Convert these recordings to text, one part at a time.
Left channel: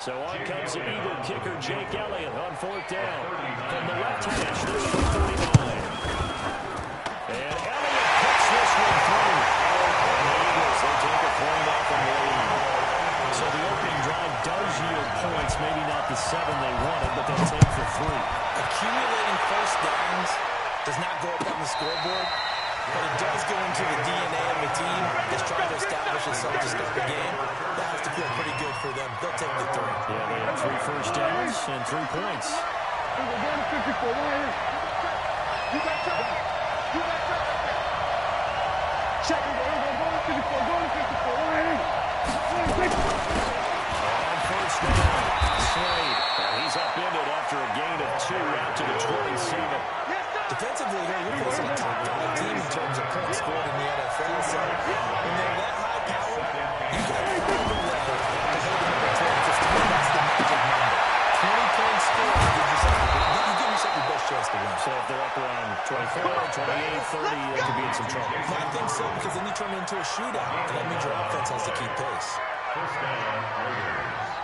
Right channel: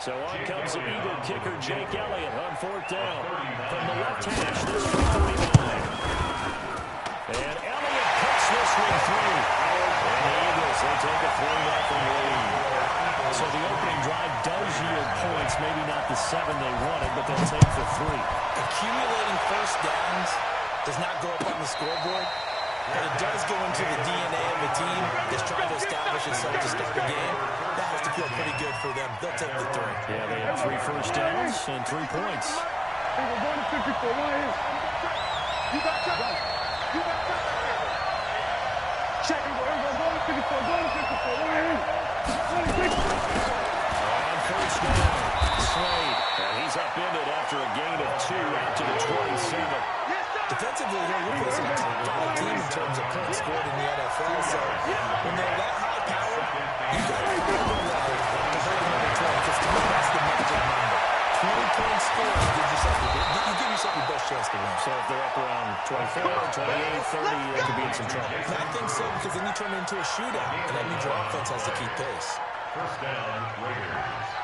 So on comes the Eagle kicker, Jake Elliott, on fourth down. From the left hash, this is 49. And Elliott puts this one through. And the Eagles, they take a 3-0 lead. So the opening drive does yield points, maybe not the 7 they wanted, but they'll take the 3. Accumulating first downs does not go up on the scoreboard, but it does go into the DNA of the team that's trying to establish itself to start the game. That has to feel pretty good for them. They'll take the 3. Yeah, they have 3 first downs and 3 points. We're going to 54. You got trouble. You got trouble there. Check. We're going to 54. Going to 54. On first down, Slade. And he's upended after a gain of 2 out to the 27. Defensively, you're facing a top-5 team in terms of points scored in the NFL. So when they're that high power, you got to find the level to hold number 20. Because to me, that's the magic number. 20 points scored, you give yourself your best chance to win. So if they're up around 24, 28, 30, they could be in some trouble. I think so, because then you turn it into a shootout, and that means your offense has to keep pace. First down, Raiders.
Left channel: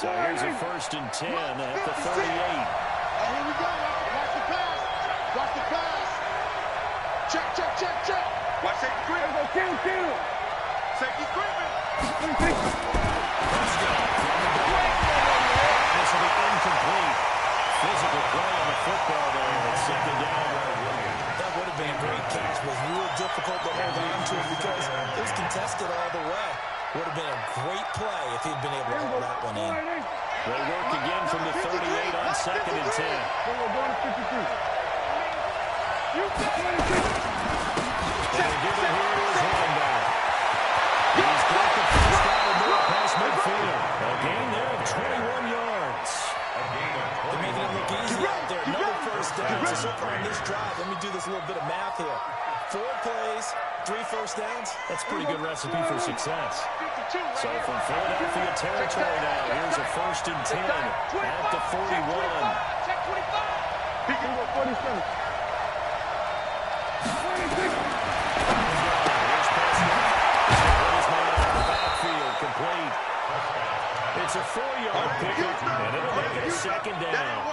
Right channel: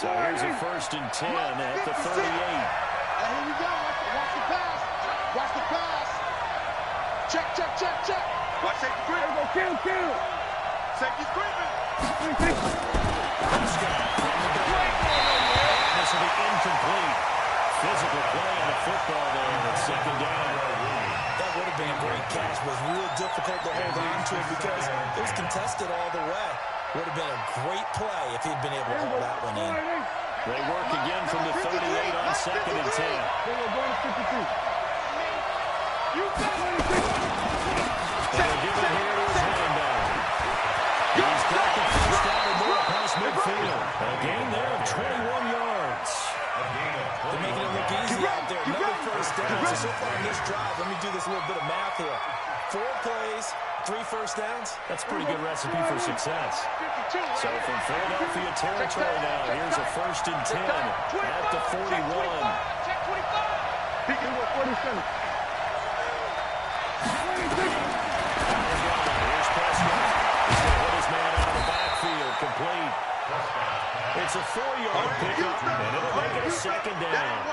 So here's a 1st and 10 at the 38. And here we go. Watch the pass. Watch the pass. Check. Watch safety creeping. Kill. Safety's creeping. Prescott from the back. This will be incomplete. Physical play on the football there at 2nd down. That would have been a great catch, but it was real difficult to hold on to because it was contested all the way. Would have been a great play if he'd been able to hold that one in. They work again from the 38 on 2nd and 10. We're going to 53. You got They're giving here to his running back. He's got the first down and more past midfield. A gain there of 21 yards. They're making it look easy out there. Another first down. So far on this drive, let me do this little bit of math here. 4 plays, 3 first downs. That's a pretty good recepe for success. So from Philadelphia territory now, here's a 1st and 10 at the 41. Check 25. He can go 47. 26. Here's Prescott. He's going to hit his man out of the backfield. Complete. It's a 4-yard pickup, and it'll make it a 2nd down.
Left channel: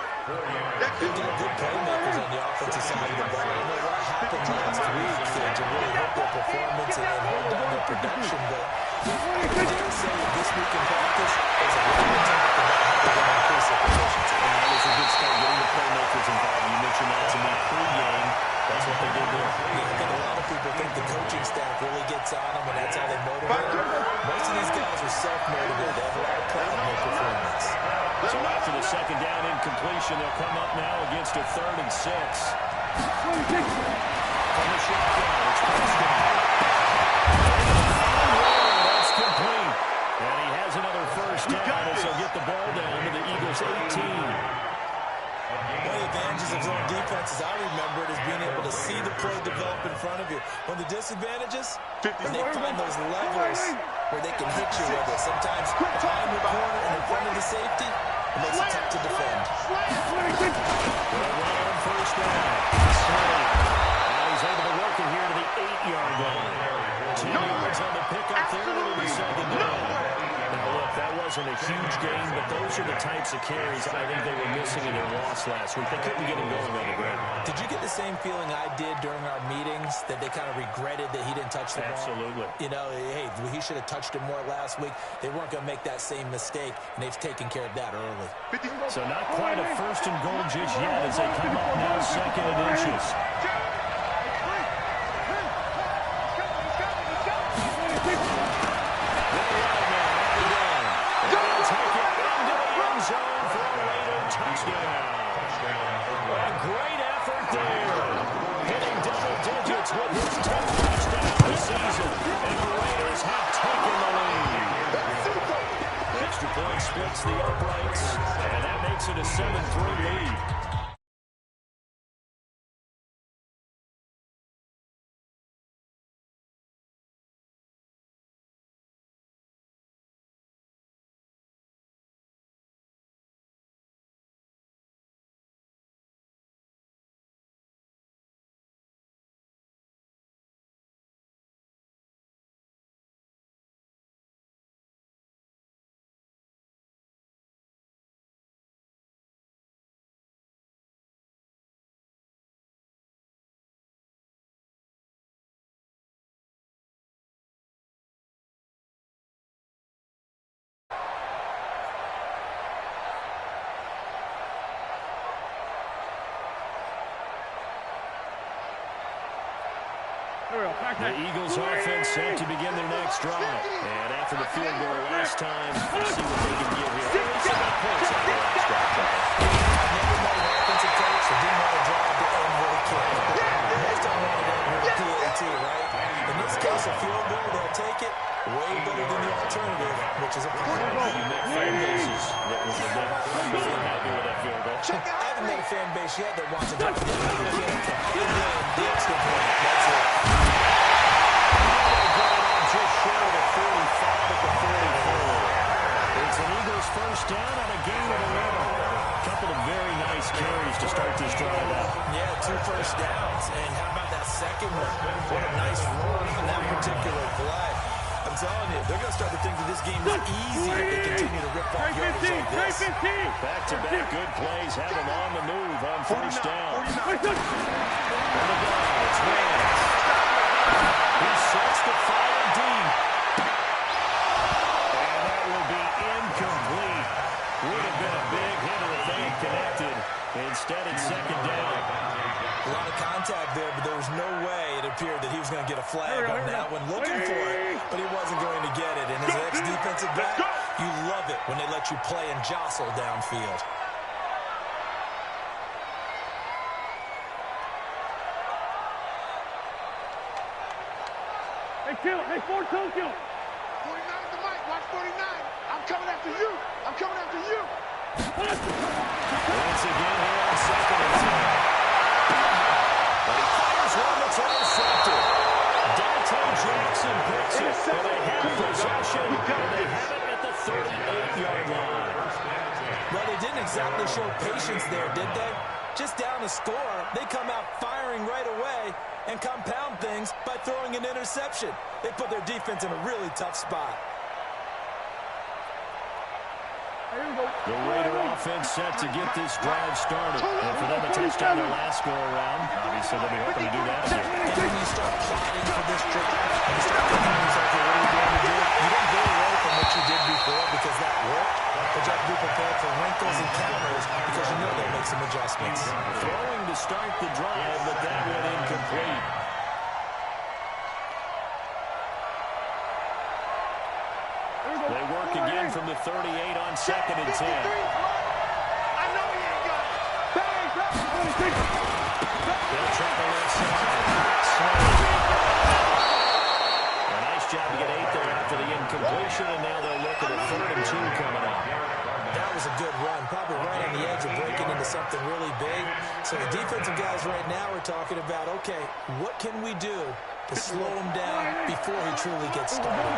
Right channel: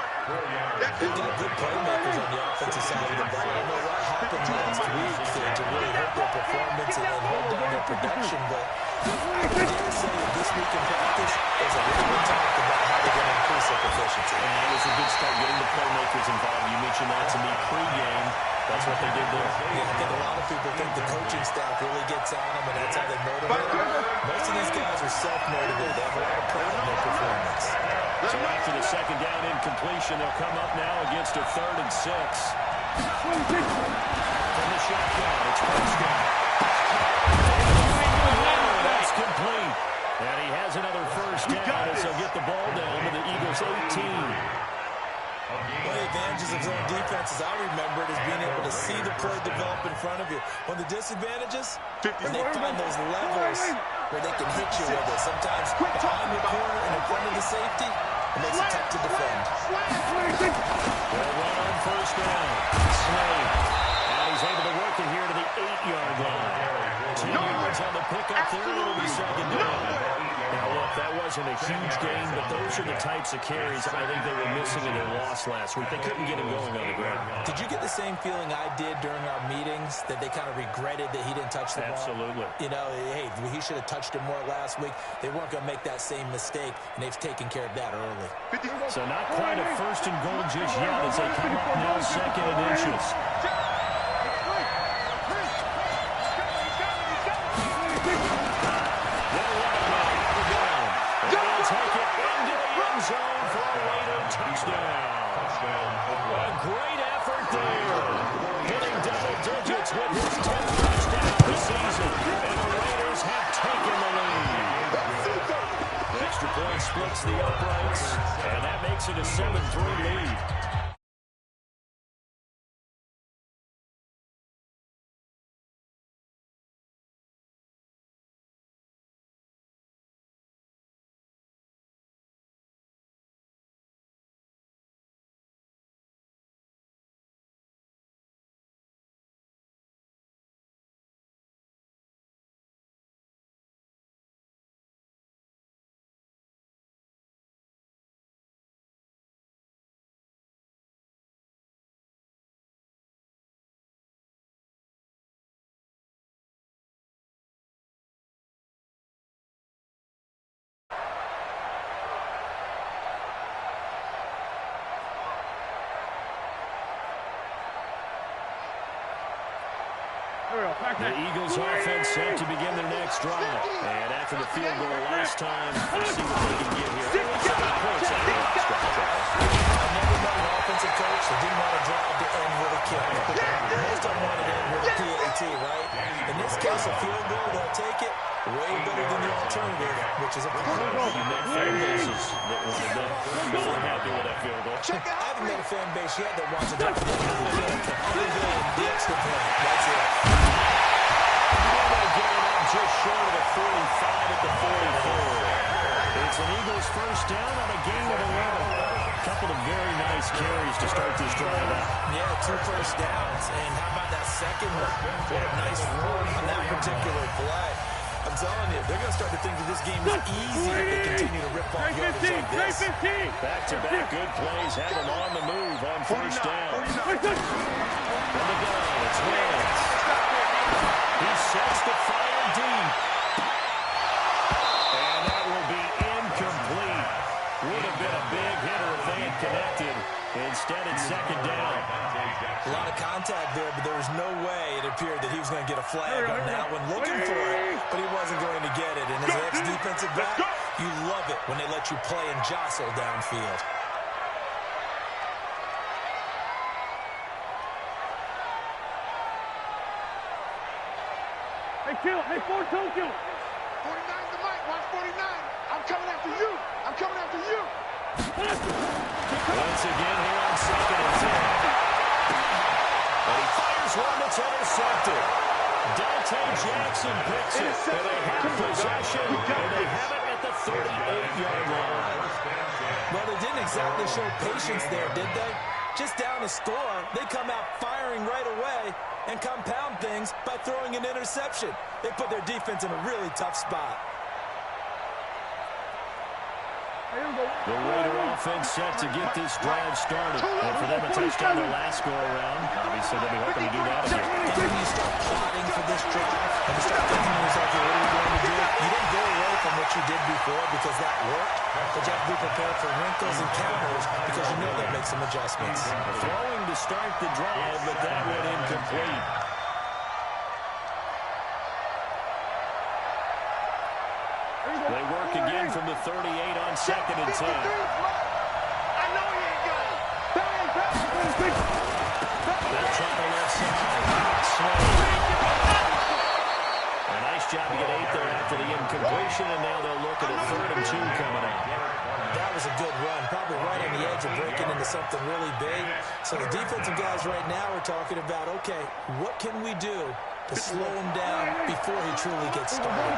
They've got good playmakers on the offensive side of the ball. I don't know what happened last week to really hurt their performance and hold down their production, but I would dare say that this week in practice, there's a lot of talk about how they're going to increase their efficiency. And that was a good start, getting the playmakers involved. You mentioned that to me pre-game. That's what they did there. Yeah, I think a lot of people think the coaching staff really gets on them, and that's how they motivate them. Most of these guys are self-motivated. They have a lot of pride in their performance. So after the 2nd down incompletion, they'll come up now against a 3rd and 6. From the shotgun, it's Prescott. That's complete. And he has another first down as he'll get the ball down to the Eagles' 18. One of the advantages of zone defense, as I remember it, is being able to see the play develop in front of you. One of the disadvantages, when they find those levels where they can hit you with it. Sometimes behind the corner and in front of the safety, it makes it tough to defend. They'll run on first down. Slade. And he's able to work it here to the 8-yard line. 10 yards on the pickup there. It'll be 2nd down. Now, look, that wasn't a huge gain, but those are the types of carries I think they were missing in their loss last week. They couldn't get him going on the ground. Did you get the same feeling I did during our meetings, that they kind of regretted that he didn't touch the ball? Absolutely. You know, hey, he should have touched it more last week. They weren't going to make that same mistake, and they've taken care of that early. So not quite a 1st and goal just yet as they come up now 2nd and inches. Zone for a Raider touchdown. A great effort there. Hitting double digits with his 10th touchdown this season. And the Raiders have taken the lead. Extra point splits the uprights. And that makes it a 7-3 lead. The Eagles offense set to begin their next drive. And after the field goal last time, let's see what they can get here. At least they got points out of the last drive, Charles. I never met an offensive coach that didn't want to drive to end with a kick. Most of them wanted to end with a PAT, right? In this case, a field goal, they'll take it. Way better than the alternative, which is a point. You met fan bases that were really happy with that field goal. I haven't met a fan base yet that wants to drive to end with a kick other than the extra point. That's it. Get it up just short of the 45 at the 44. It's an Eagles first down on a gain of 11. Couple of very nice carries to start this drive out. Yeah, 2 first downs. And how about that second one? What a nice run on that particular play. I'm telling you, they're going to start to think that this game is easy if they continue to rip off yardage like this. Back-to-back good plays have them on the move on first down. From the gun, it's Wentz. He sets the fire deep. And that will be incomplete. Would have been a big hitter if they had connected. Instead, it's second down. A lot of contact there, but there was no way it appeared that he was going to get a flag on that one. Looking for it, but he wasn't going to get it. And as an ex-defensive back, you love it when they let you play and jostle downfield. Hey, Kill. Hey, Fort Tokyo. 49's the mic. Watch 49. I'm coming after you. I'm coming after you. Once again here on second and 10. But he fires one that's intercepted. Dante Jackson picks it. And they have possession, and they have it at the 38-yard line. Well, they didn't exactly show patience there, did they? Just down a score, they come out firing right away and compound things by throwing an interception. They put their defense in a really tough spot. The Raider offense set to get this drive started. And for them, a touchdown their last go-around. Obviously, they'll be hoping to do that again. And when you start plotting for this drive, and you start thinking to yourself, okay, what are we going to do? You don't go away from what you did before because that worked, but you have to be prepared for wrinkles and counters because you know they'll make some adjustments. Throwing to start the drive, but that one incomplete. They work again from the 38 on second and 10. I know he ain't got it. Bang, bang. They'll try the left side. A nice job to get 8 there after the incompletion, and now they'll look at a 3rd and 2 coming up. That was a good run, probably right on the edge of breaking into something really big. So the defensive guys right now are talking about, okay, what can we do to slow him down before he truly gets started?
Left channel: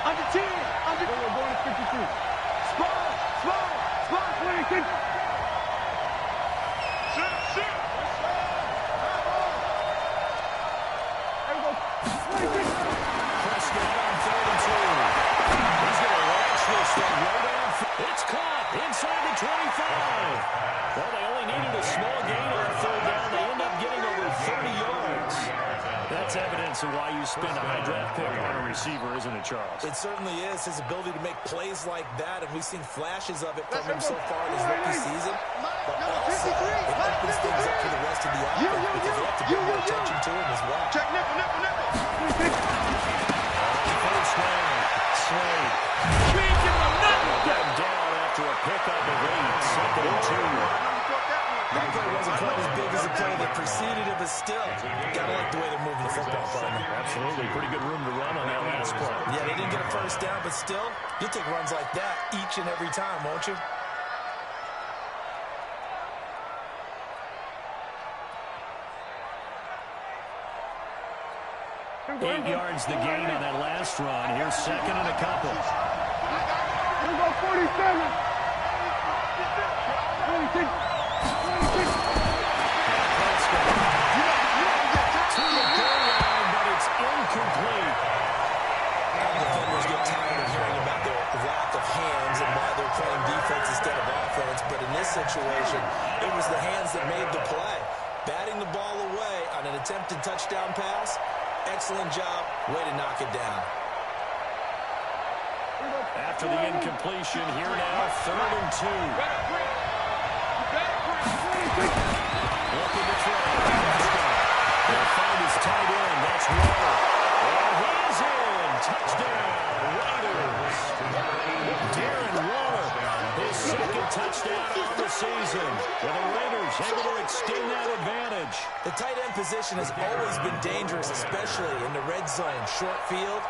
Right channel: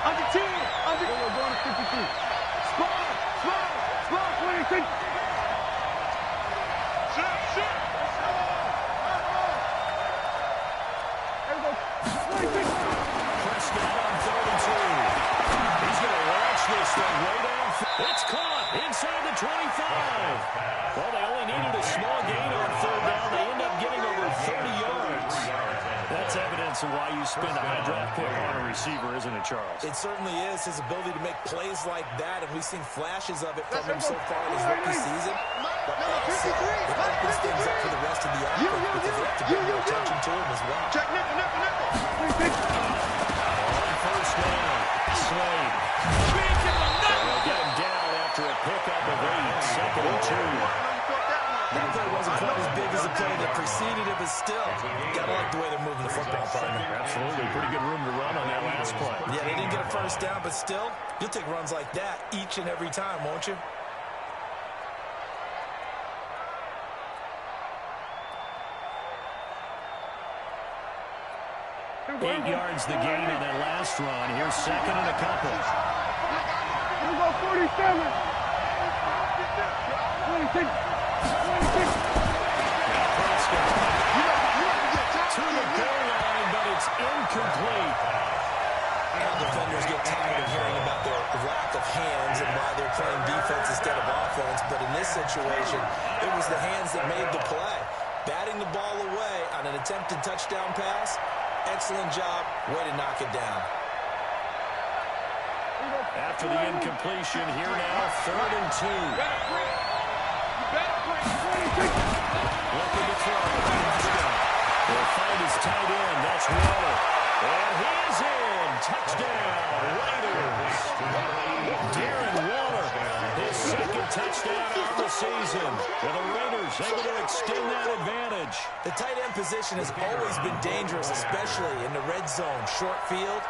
Under 10. Under. We're going to 52. Small. 26. Shit. Let's go. Come on. There we go. 26. Prescott on 3rd and 2. He's going to launch this thing right off. It's caught inside the 25. Well, they only needed a small gain on 3rd down. They end up getting over 30 yards. That's evidence of why you spend a high draft pick on a receiver, isn't it, Charles? It certainly is. His ability to make plays like that, and we've seen flashes of it from him so far in his rookie season. But also, it opens things up for the rest of the offense because they have to bring more attention to him as well. Check nickel. On first down, Slade. They'll get him down after a pickup of 8, 2nd and 2. That play wasn't quite as big as the play that preceded it, but still, gotta like the way they're moving the football, partner. Absolutely. Pretty good room to run on that last play. Yeah, they didn't get a first down, but still, you'll take runs like that each and every time, won't you? Eight yards the gain on that last run. Here's 2nd and a couple. Here we go, 47. 26. To the goal line, but it's incomplete. All defenders get tired of hearing about their lack of hands and why they're playing defense instead of offense. But in this situation, it was the hands that made the play. Batting the ball away on an attempted touchdown pass. Excellent job. Way to knock it down. After the incompletion, here now, 3rd and 2. Looking to throw. They'll find his tight end. That's Waller. And he is in. Touchdown, Raiders. Darren Waller, his second touchdown on the season. And the Raiders able to extend that advantage. The tight end position has always been dangerous, especially in the red zone, short field.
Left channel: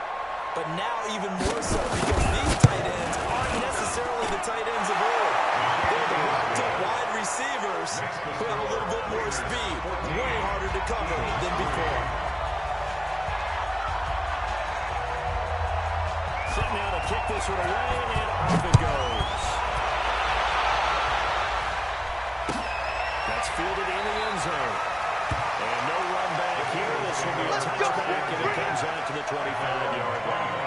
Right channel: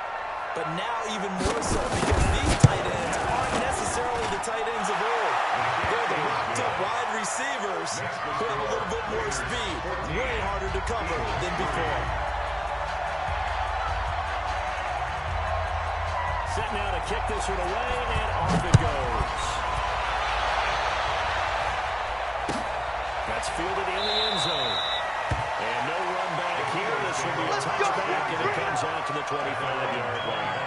But now even more so because these tight ends aren't necessarily the tight ends of old. They're the rocked-up wide receivers who have a little bit more speed. Way harder to cover than before. Set now to kick this one away, and off it goes. That's fielded in the end zone. And no run back here. This will be a touchback, and it comes out to the 25-yard line.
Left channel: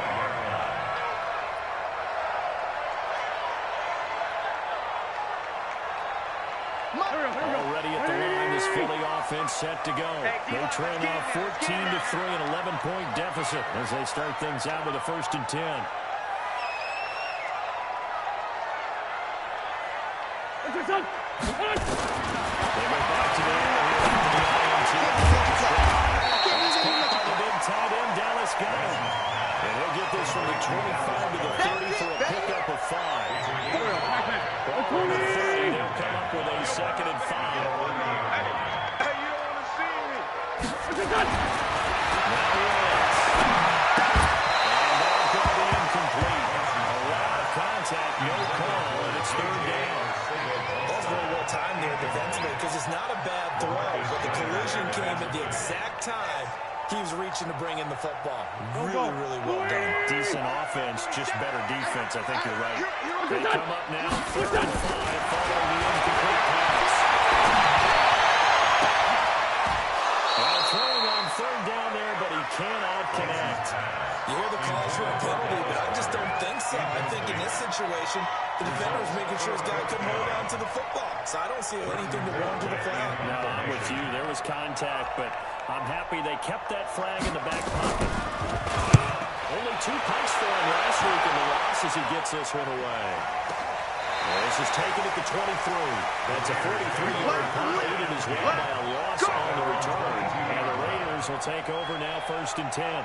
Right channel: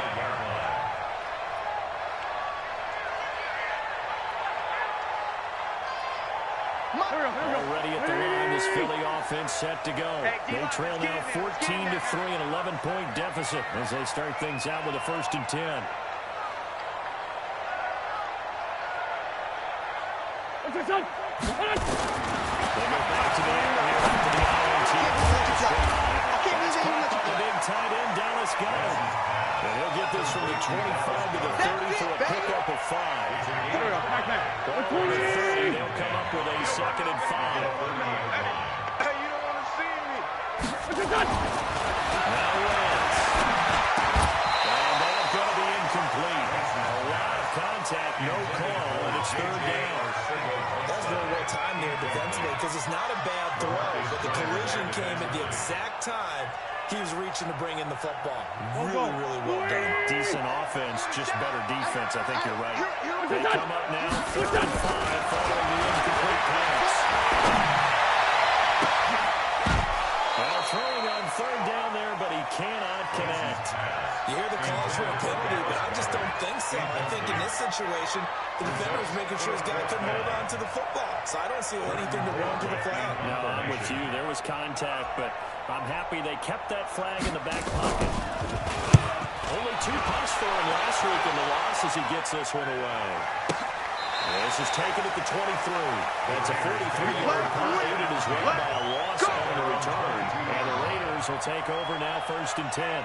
Already at the line, this Philly offense set to go. They trail now 14-3, an 11-point deficit as they start things out with a 1st and 10. They go back to the air here after the INT. That's caught by the big tight end. Dallas got him. And he'll get this from the 25 to the 30 for a pickup of 5. On the 30, they'll come up with a 2nd and 5. Hey, you don't want to see me. Now Wentz. And that's going to be incomplete. A lot of contact, no call, and it's 3rd down. That's very well timed there defensively because it's not a bad throw, but the collision came at the exact time he was reaching to bring in the football. Really, really well done. Decent offense, just better defense. I think you're right. They come up now, 3rd and 5, following the incomplete pass. Well, throwing on 3rd down there, but he cannot connect. You hear the calls for a penalty, but I just don't think so. I think in this situation, the defender was making sure his guy couldn't hold on to the football. So I don't see anything to warrant to the flag. No, I'm with you. There was contact, but I'm happy they kept that flag in the back pocket. Only 2 punts for him last week in the loss as he gets this one away. This is taken at the 23. That's a 43-yard punt, aided as well by a loss on the return. And the Raiders will take over now, 1st and 10.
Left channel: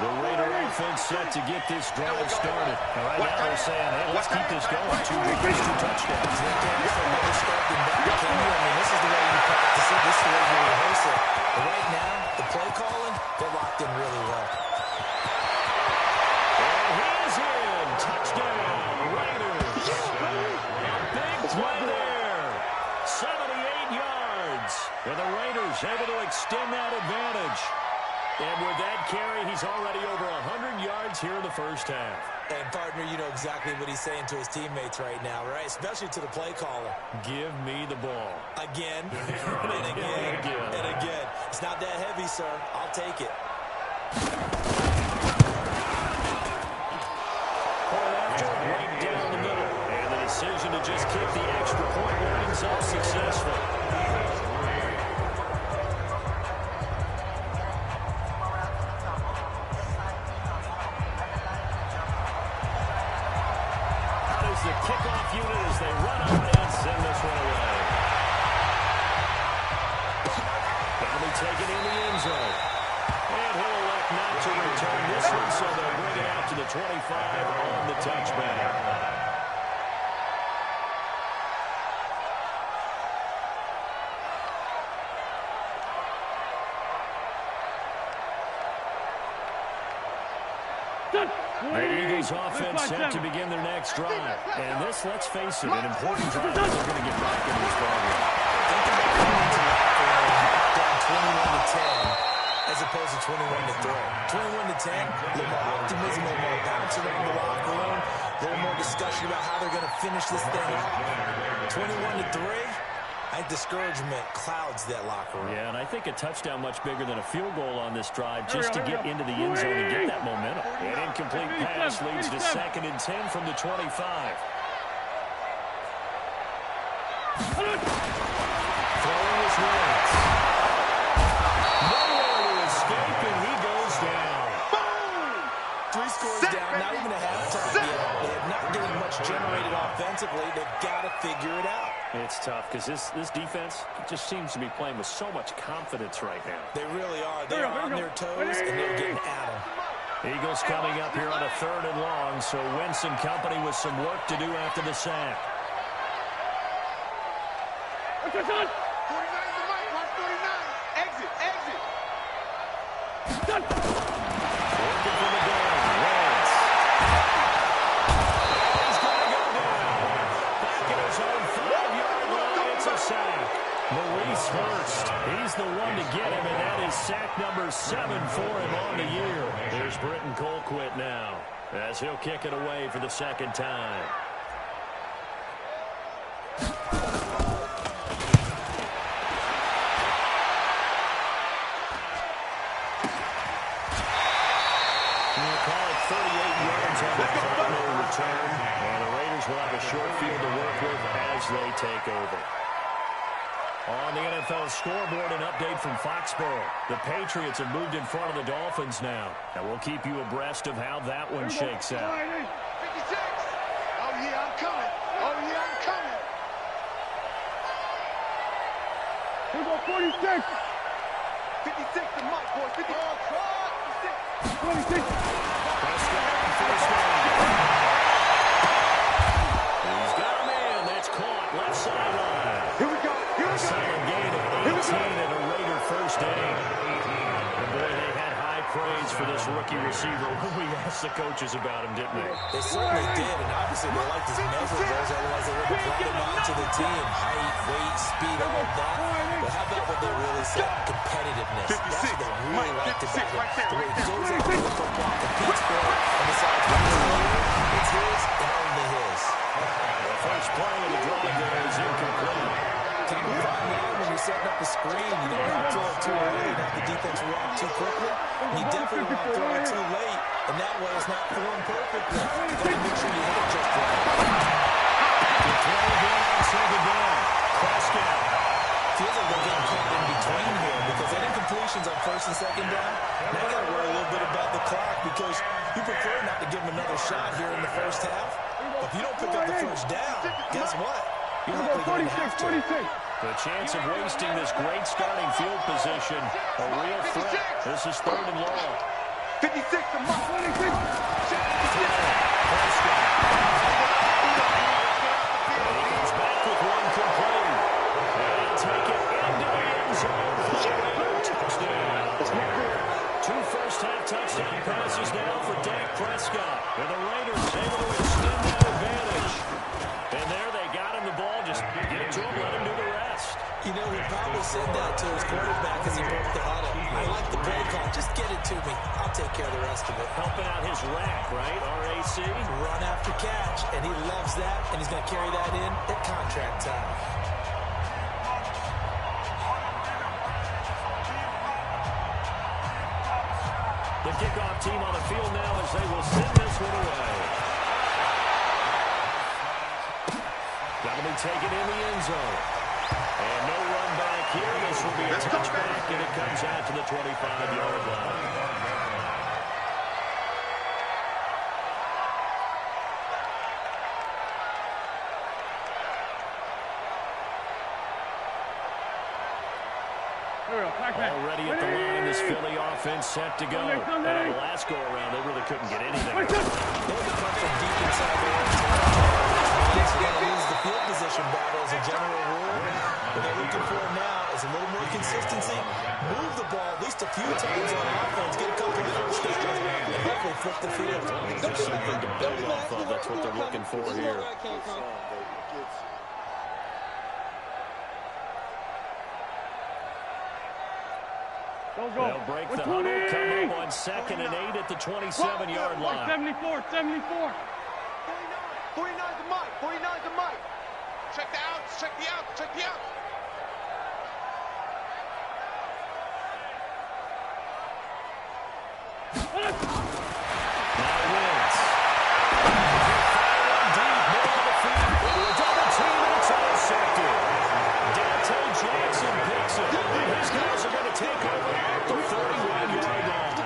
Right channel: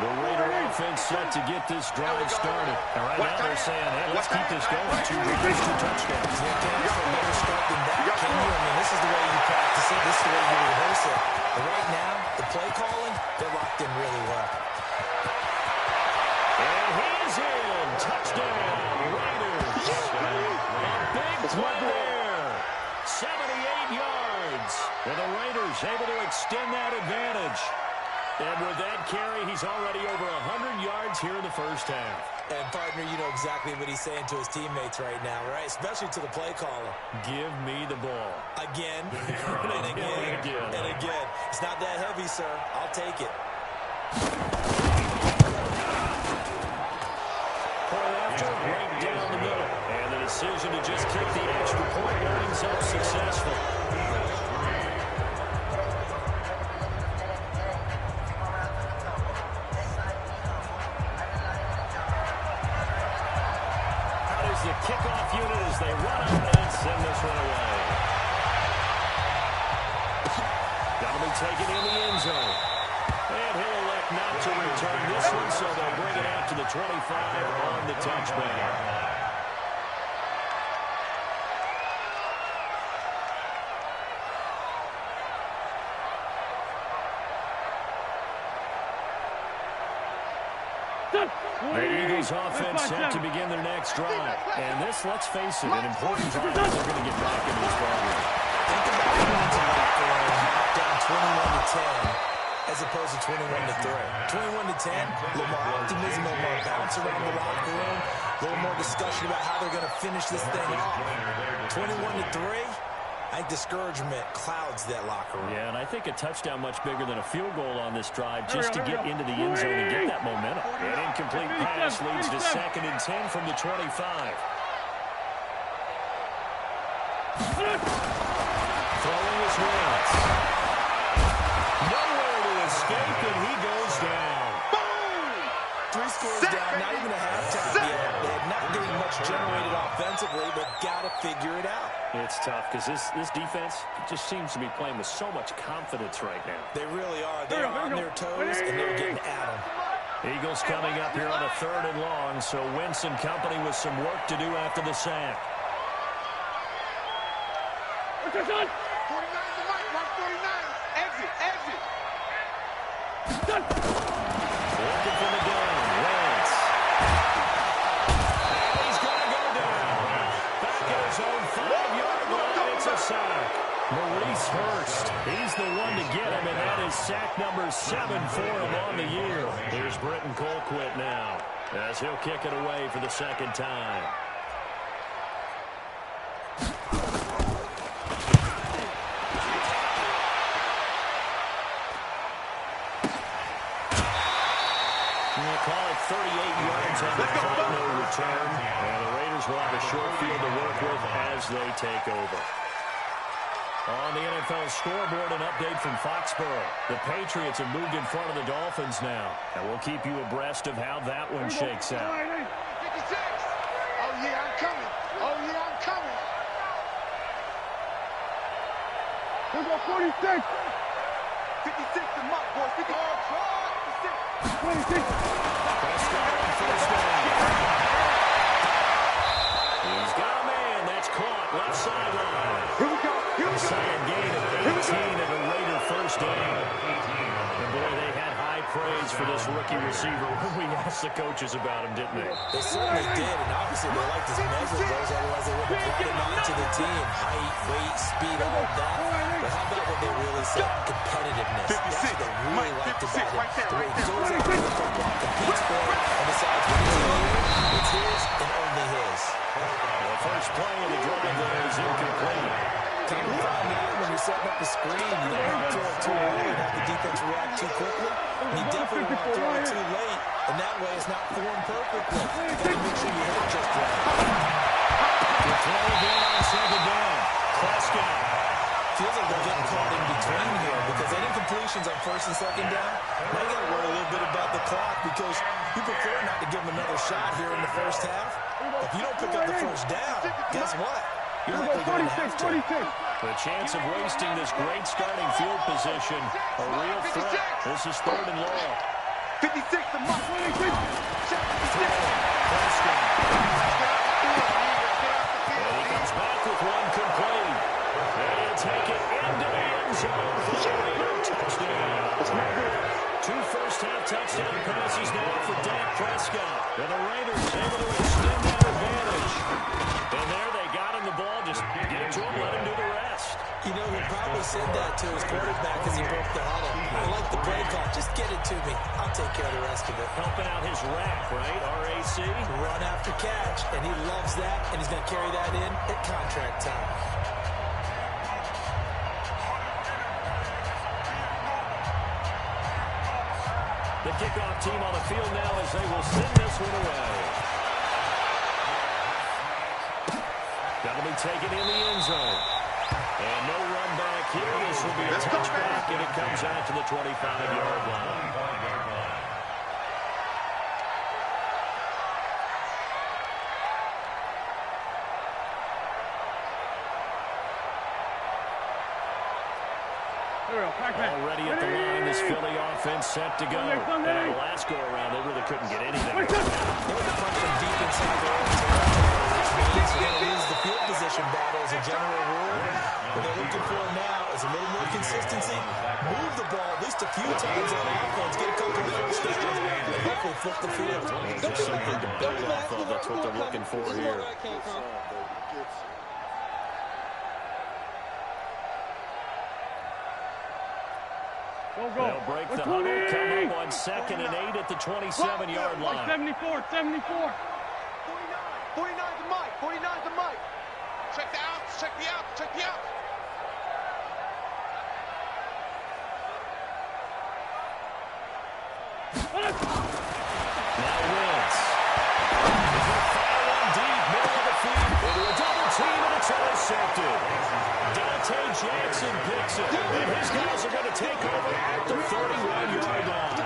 The Raider offense set to get this drive started. And right now they're saying, hey, let's keep this going. 2 drives, 2 touchdowns. You can't ask for a better start than that, can you? I mean, this is the way you practice it. This is the way you rehearse it. But right now, the play calling, they're locked in really well. And he is in. Touchdown, Raiders. A big play there. 78 yards. And the Raiders able to extend that advantage. And with that carry, he's already over 100 yards here in the 1st half. And, partner, you know exactly what he's saying to his teammates right now, right? Especially to the play caller. Give me the ball. Again, and again, and again. It's not that heavy, sir. I'll take it. Point after, right down the middle. And the decision to just kick the extra point winds up successful. The kickoff unit as they run up and send this one away. That'll be taken in the end zone. And he'll elect not to return this one, so they'll bring it out to the 25 on the touchback. The Eagles offense set to begin their next drive. And this, let's face it, an important drive if they're going to get back into this ballgame. Think about going into locker room down 21-10 as opposed to 21-3. 21-10, a little more optimism, a little more bounce around the locker room, a little more discussion about how they're going to finish this thing off. 21-3. I think discouragement clouds that locker room. Yeah, and I think a touchdown much bigger than a field goal on this drive just to get into the end zone and get that momentum. An incomplete pass leads to 2nd and 10 from the 25. Throwing his Wentz. Nowhere to escape, and he goes down. Boom! 3 scores. scores down, not even a halftime yet. They're not getting much generated offensively. They've got to figure it out. It's tough because this defense just seems to be playing with so much confidence right now. They really are. They're on their toes, and they're getting at them. Eagles coming up here on a 3rd and long, so Wentz and company with some work to do after the sack. What's your son? 49 the mic, 149. Exit, exit. Done. Working from the gun, Wentz. And he's going to go down. Back at his own 5-yard line, it's a sack. Maurice Hurst, he's the one to get him, and that is sack number 7 for him on the year. There's Britton Colquitt now, as he'll kick it away for the 2nd time. We'll call it 38 yards on the final return, and the Raiders will have a short field to work with as they take over. On the NFL scoreboard, an update from Foxborough. The Patriots have moved in front of the Dolphins now, and we'll keep you abreast of how that one shakes out. 56. Oh, yeah, I'm coming. Oh, yeah, I'm coming. Here we go, 46. 56, the mic, boys. 50. Oh, try. 56. 26. Prescott on 1st down. He's got a man. That's caught. Left sideline. Here we go. Here we go. Solid gain of 18 and a Raider 1st down. And boy, they had high praise for this rookie receiver when we asked the coaches about him, didn't they? They certainly did, and obviously they liked his measurables, otherwise they would have brought him onto the team. Height, weight, speed, all of that. But how about what they really said? Competitiveness. That's what they really liked about him. The way he goes after the football, competes for it, and decides when it's his and only his. The first play of the drive there is incomplete. Come to find out when you're setting up the screen, you don't want to throw it too early and have the defense react too quickly. And you definitely don't want to throw it too late, and that way it's not formed perfectly. You've got to make sure you hit it just right. The throw again on 2nd down. Prescott. Feels like they're getting caught in between here because any completions on 1st and 2nd down, now you got to worry a little bit about the clock because you prefer not to give them another shot here in the 1st half. But if you don't pick up the 1st down, guess what? You're likely going to have to. The chance of wasting this great starting field position, a real threat. This is 3rd and long. 56, the mic. 26. Prescott. And he comes back with one complete. And he'll take it into the end zone for the Raider touchdown. 2 first-half touchdown passes now for Dak Prescott. And the Raiders able to extend that advantage. And there they got him the ball. Just get it to him, let him do the rest. You know, he probably said that to his quarterback as he broke the huddle. I like the play call. Just get it to me. I'll take care of the rest of it. Helping out his rack, right? RAC. Run after catch, and he loves that, and he's going to carry that in at contract time. The kickoff team on the field now as they will send this one away. That'll be taken in the end zone. And no run back here. This will be a touchback, and it comes out to the 25-yard line. Already at the line, this Philly offense set to go. And on the last go-around, they really couldn't get anything. They were punched from deep inside their own territory, which means they're going to lose the field position battle as a general rule. What they're looking for now is a little more consistency. Move the ball at least a few times on offense. Get a couple of first downs and hopefully flip the field. Just something to build off of. That's what they're looking for here. They'll break the huddle, come up on 2nd and 8 at the 27-yard line. 74, 74. 49 the mic, 49 the mic. Check the outs, check the outs, check the outs. Now Wentz. Fire one deep, middle of the field. Into a double team, and it's intercepted. Dante Jackson picks it. And his guys are going to take over at the 31-yard line.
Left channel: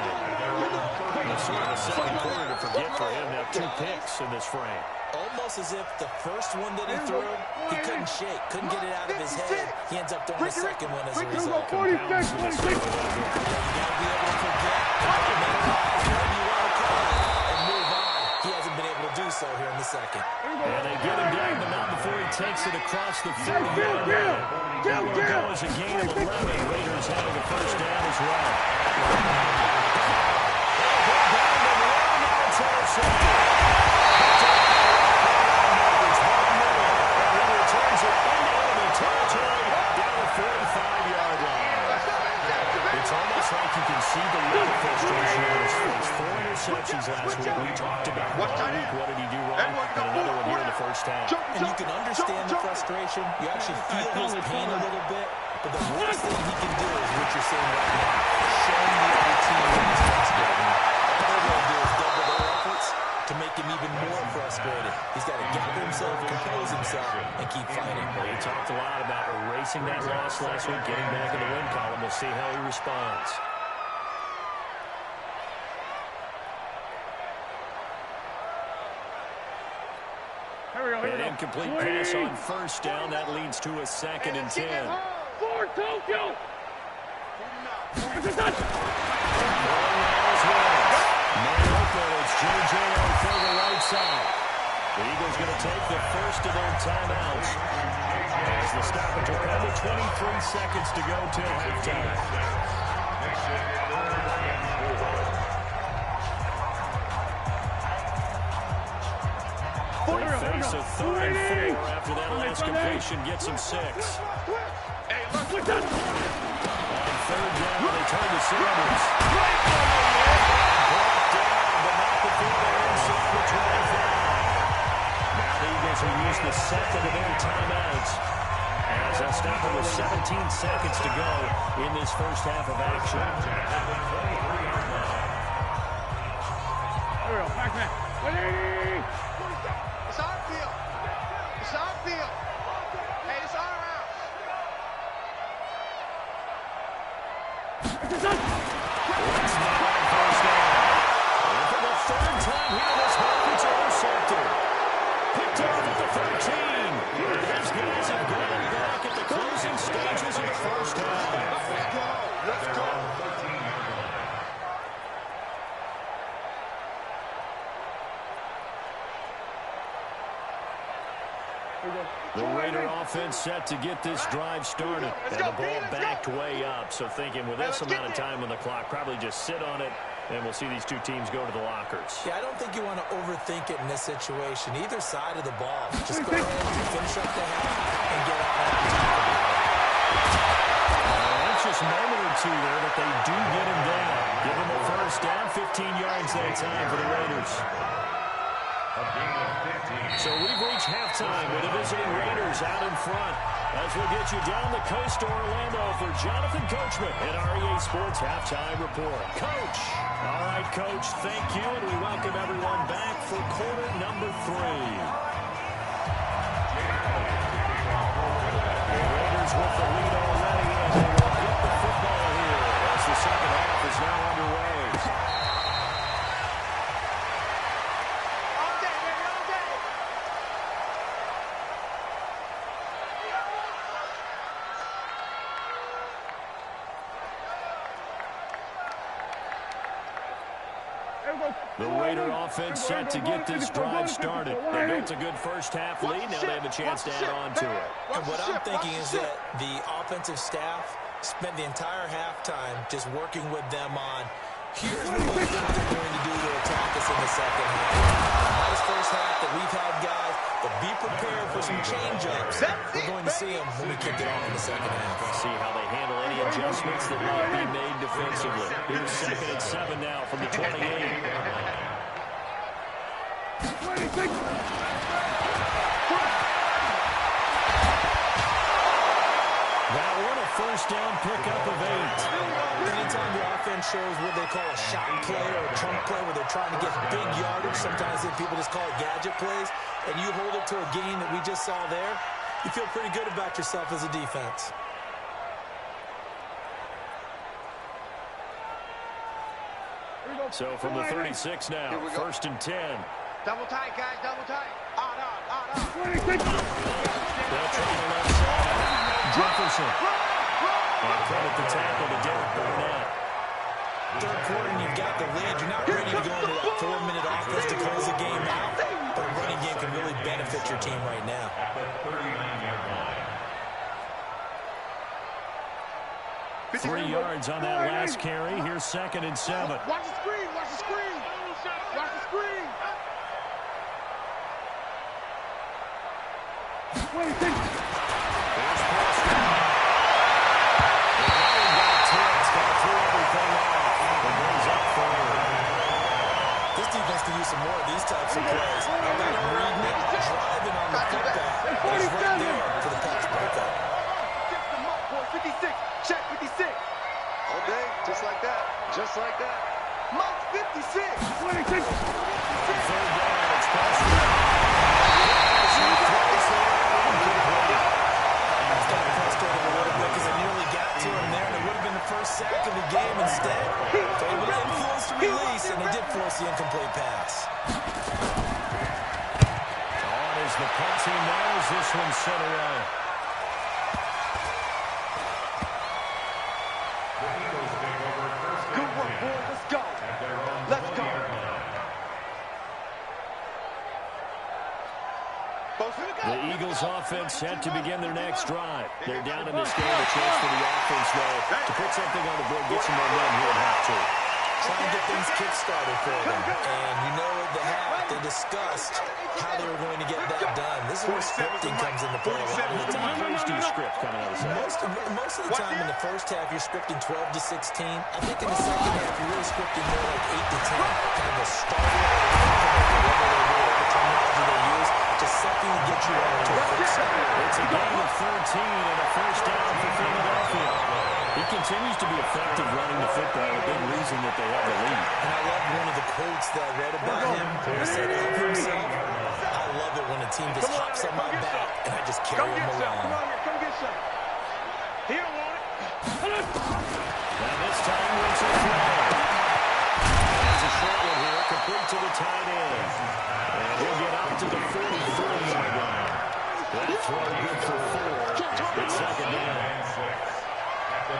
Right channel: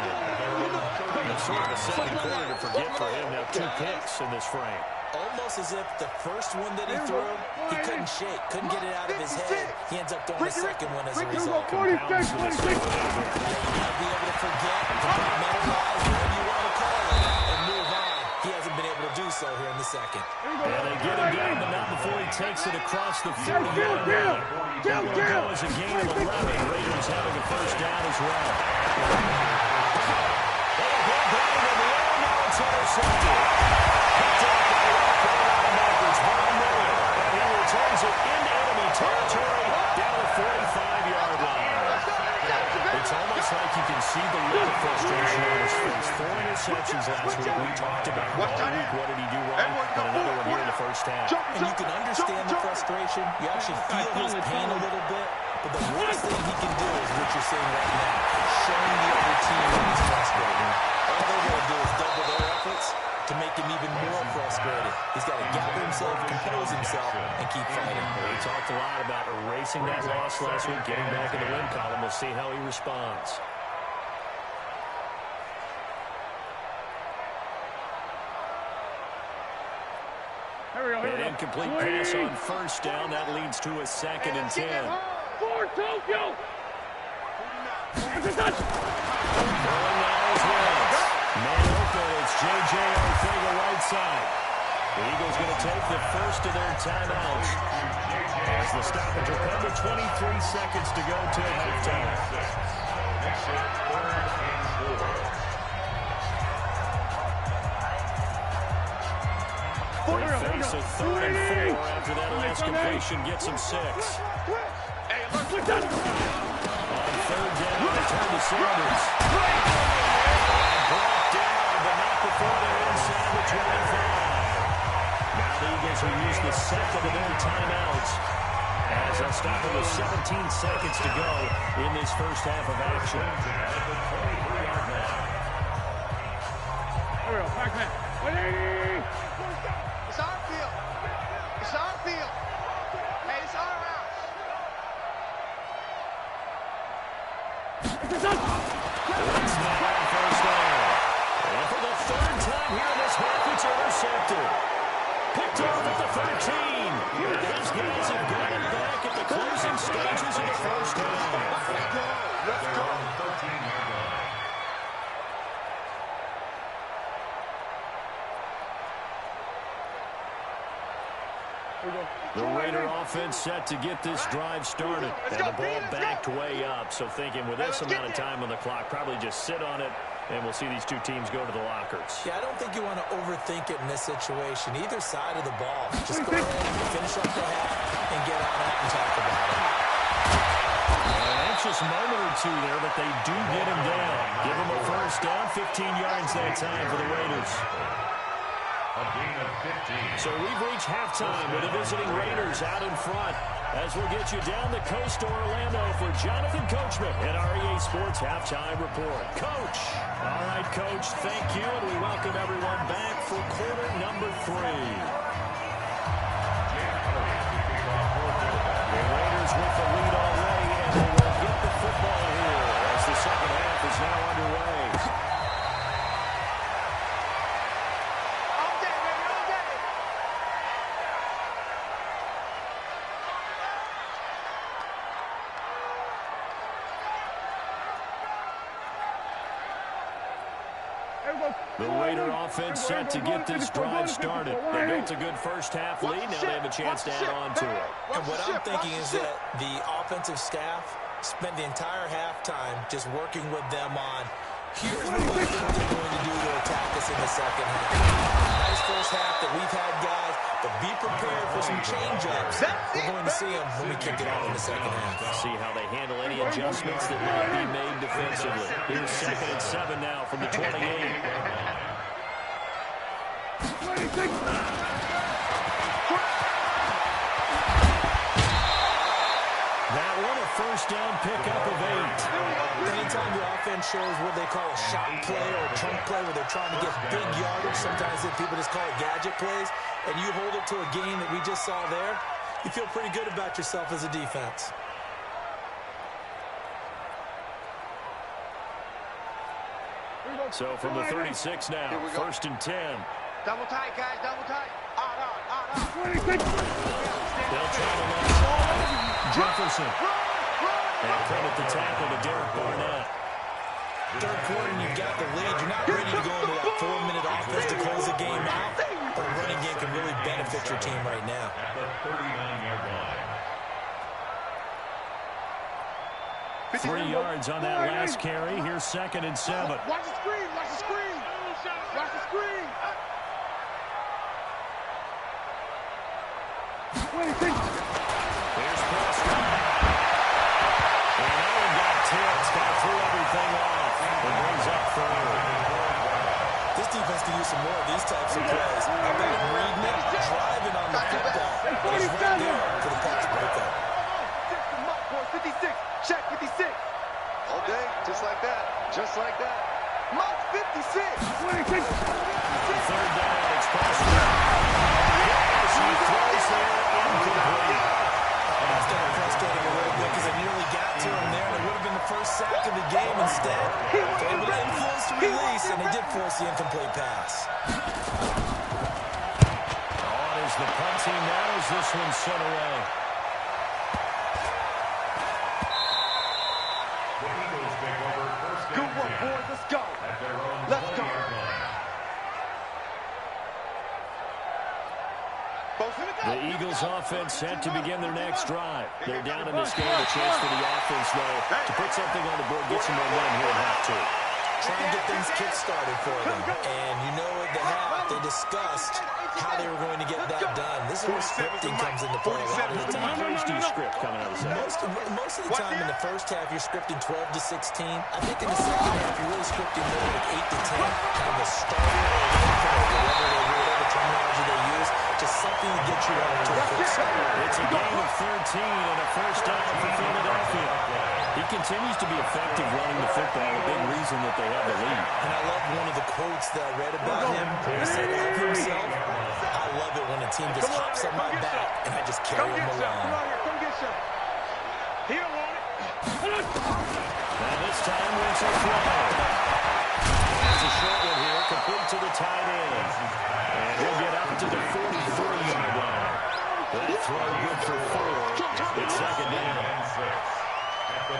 It's sort of a second quarter to forget for him. Now 2 picks in this frame. Almost as if the first one that he threw, he couldn't shake, couldn't get it out of his head. He ends up throwing the second one as a result. Compounds the mistake a little bit. You got to be able to forget, compartmentalize, whatever you want to call it, and move on. He hasn't been able to do so here in the second. And they get him down, but not before he takes it across the 40-yard line. That will go as a gain of 11. Raiders having a first down as well. They'll go down to the air, now it's intercepted. He returns it into enemy territory down the 45-yard line. It's almost like you can see the look of frustration on his face. 4 interceptions last week. We talked about all week. What did he do wrong? And another one here in the first half. And you can understand the frustration. You actually feel his pain a little bit. But the worst thing he can do is what you're saying right now. Showing the other team that he's frustrated. All they're going to do is double their efforts to make him even more frustrated. He's got to gather himself, compose himself, and keep fighting. He talked a lot about erasing that loss last week, getting back in the win column. We'll see how he responds. An incomplete pass on first down. That leads to a 2nd and 10. For Tokyo! It's a touch! Man open, it's J.J. Ortega right side. The Eagles going to take the first of their timeouts as the stoppage will come with 23 seconds to go till halftime. They face a 3rd and 4 after that last completion gets them 6. Hey, look that! On 3rd down, they turn to Sanders. Brought down, but not before they're inside the 25. Now the Eagles will use the 2nd of their timeouts as they'll stop it with 17 seconds to go in this first half of action. At the 23-yard line. There we go, Pac-Man. 180! It's our field. It's our field. Hey, it's our house. It's a touch! It's not on first down. And for the 3rd time here in this half, it's intercepted. Picked off at the 13. And his guys have got it back at the closing stages of the first half. Let's go. Let's go. 13-yard line. The Raider offense set to get this drive started. And the ball backed way up. So thinking with this amount of time on the clock, probably just sit on it, and we'll see these two teams go to the lockers. Yeah, I don't think you want to overthink it in this situation. Either side of the ball. Just go ahead, finish up the half, and get on out and talk about it. An anxious moment or two there, but they do get him down. Give him a first down, 15 yards that time for the Raiders. A gain of 15. So we've reached halftime with the visiting Raiders out in front. As we'll get you down the coast to Orlando for Jonathan Coachman at our EA Sports Halftime Report. Coach. All right, Coach, thank you, and we welcome everyone back for quarter number 3. The Raiders with the lead already, and they will get the football here as the second half is now underway. All day, baby, all day. The Raider offense set to get this drive started. They built a good first half lead. Now they have a chance to add on to it. And what I'm thinking is that the offensive staff spent the entire halftime just working with them on, here's what we think they're going to do to attack us in the second half. Nice first half that we've had, guys, but be prepared for some change-ups. We're going to see them when we kick it off in the second half. See how they handle any adjustments that might be made defensively. Here's 2nd and 7 now from the 28. That one a first down pickup of 8. Anytime the offense shows what they call a shot play or a chunk play where they're trying to get big yardage, sometimes people just call it gadget plays, and you hold it to a gain that we just saw there, you feel pretty good about yourself as a defense. Here we go. So from the 36 now, 1st and 10. Double tight, guys, double tight. Odd. They'll try the left side. Jefferson. And credit the tackle to Derek Barnett. Third quarter and you've got the lead. You're not ready to go into that 4-minute offense to close the game out. But a running game can really benefit your team right now. At the 39-yard line. 3 yards on that last carry. Here's 2nd and 7. Watch the screen, watch the screen. Watch the screen. Here's Prescott. And now he got tipped. Got threw everything off. It brings up 3rd. This defense can use some more of these types of plays. How about him reading it, driving on the football, and he's right there for the pass breakup. 56, check 56. All day, just like that, just like that. Mike 56. 3rd down, it's Prescott. As he throws there, incomplete. And that's got to frustrate him a little bit because it nearly got to him there, and it would have been the first sack of the game. Instead, able to influence the release, and he did force the incomplete pass. On is the punt team now as this one's sent away. The Eagles take over 1st and 10. Good work, boys, let's go. At their own Let's go. 20-yard line. The Eagles offense set to begin their next drive. They're down in this game. A chance for the offense, though, to put something on the board, get some momentum here at half 2. Try and get things kick-started for them. And you know at the half, they discussed how they were going to get that done. This is where scripting comes into play a lot of the time. How do you script coming out of the second? Most of the time in the first half, you're scripting 12 to 16. I think in the second half, you're really scripting more like 8 to 10. Kind of a starter or a whatever terminology they use. Just something to get you out to a quick start. It's a gain of 13 and a 1st down for Philadelphia. He continues to be effective running the football, a big reason that they have the lead. And I love one of the quotes that I read about him. He said of himself, I love it when a team just hops on my back and I just carry them along. Come on here, come get some. He don't want it. Now this time, Winslow throw. That's a short one here, complete to the tight end. And he'll get up to the 43-yard line. That throw good for 4. It's 2nd down. 4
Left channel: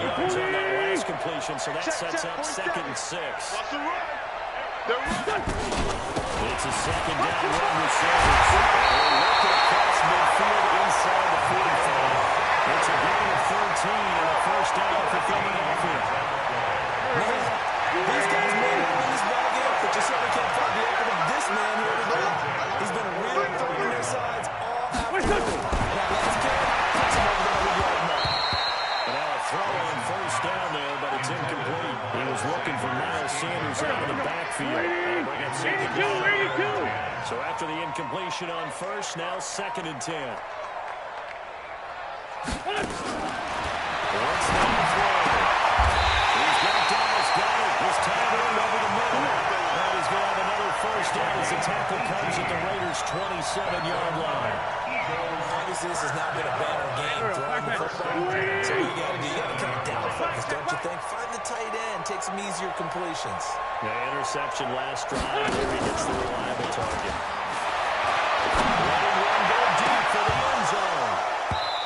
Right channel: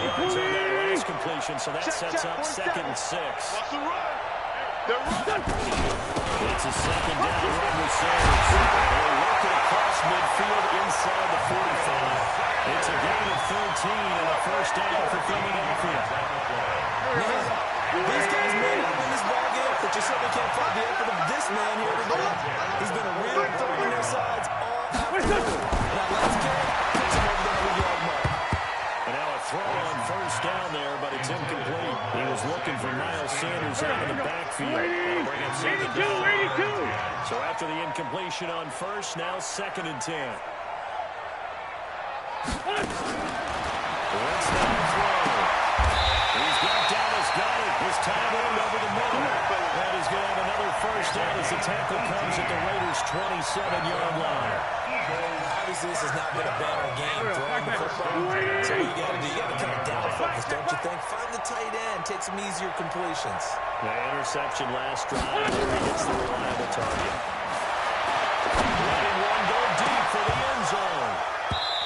yards on that last completion, so that sets up 2nd and 6. What's the run? They're running. It's a 2nd down run with Sanders. They're looking across midfield inside the 45. It's a gain of 13 and a 1st down for Philadelphia. Man, these guys may not win this ball game, but you certainly can't fight the effort of this man here today. He's been a real thorn in their sides all afternoon. Now let's carry, puts him over the 100-yard mark. But now a throw on 1st down there, but it's incomplete. He was looking for Miles Sanders out of the backfield. That'll bring up 2nd down. So after the incompletion on 1st, now 2nd and 10. What's that throw? He's got Dallas Goedert. His tight end over the middle. And he's going to have another 1st down as the tackle comes at the Raiders' 27-yard line. Obviously, this has not been a banner game throwing the football. So what you got to do, you got to kind of down focus, don't you think? Find the tight end, take some easier completions. The interception last drive. There he gets the reliable target. Letting one go deep for the end zone.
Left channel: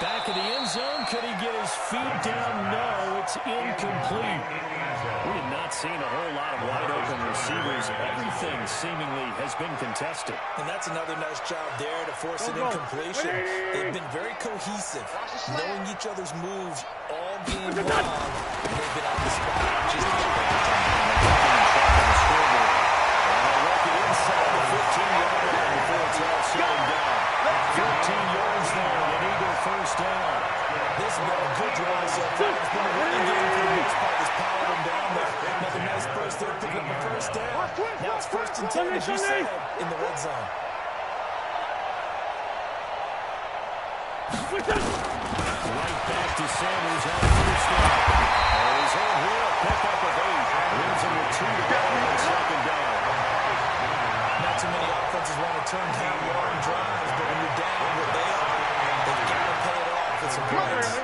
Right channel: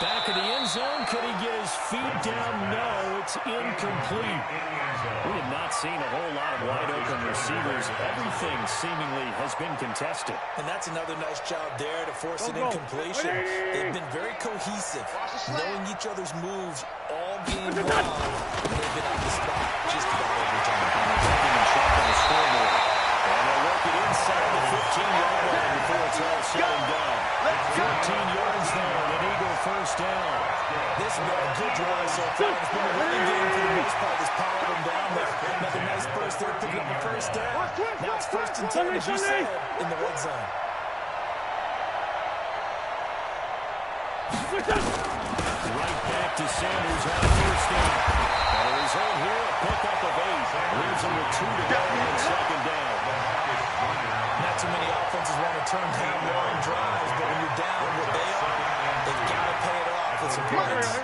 Back of the end zone. Could he get his feet down? No, it's incomplete. We have not seen a whole lot of wide-open receivers. Everything seemingly has been contested. And that's another nice job there to force an incompletion. They've been very cohesive, knowing each other's moves all game long. And they've been on the spot just about every time. And they're talking and checking the scoreboard. And they'll work it inside the 15-yard line before it's all said and done. 14 yards there, and an Eagle 1st down. This has been a good drive so far. It's been a running game for the most part. That's powered them down there. Another nice burst there, picking up a 1st down. Now it's 1st and 10, as you said, in the red zone. Right back to Sanders on 1st down. And he's on here, a pickup of 8. Leaves him with 2 to go on 2nd down. Not too many offenses want to turn down long drives, but when you're down what they are, they've got to pay it off with some points.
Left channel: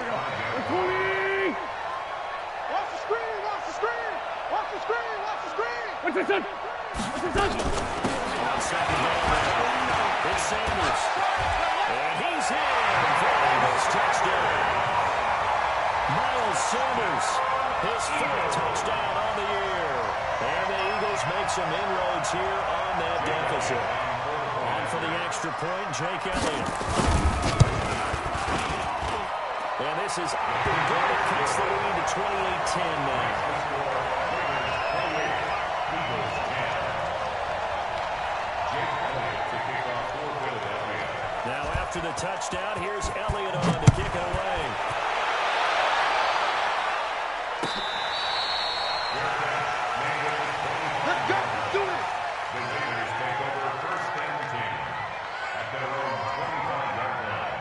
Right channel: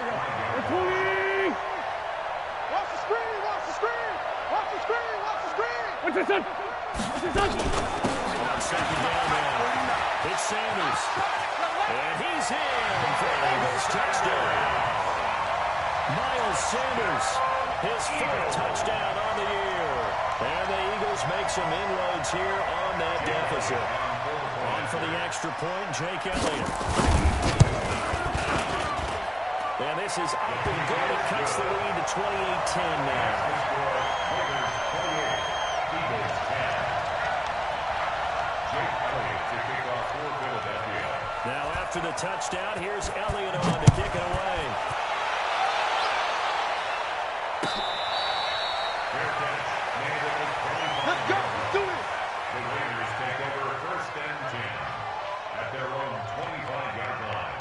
Watch the screen! Watch the screen! Watch the What's this on? What's this on? On second down now, it's Sanders. And he's in for an Eagles touchdown. Miles Sanders, his 4th touchdown on the year. And the Eagles make some inroads here on that deficit. On for the extra point, Jake Elliott. And this is up and good. It cuts the lead to 28-10 now. Eagles 10. Jake Elliott to kick off for Philadelphia. Now after the touchdown, here's Elliott on to kick it away. Let's go. Do it. The Raiders take over 1st and 10 at their own 25-yard line.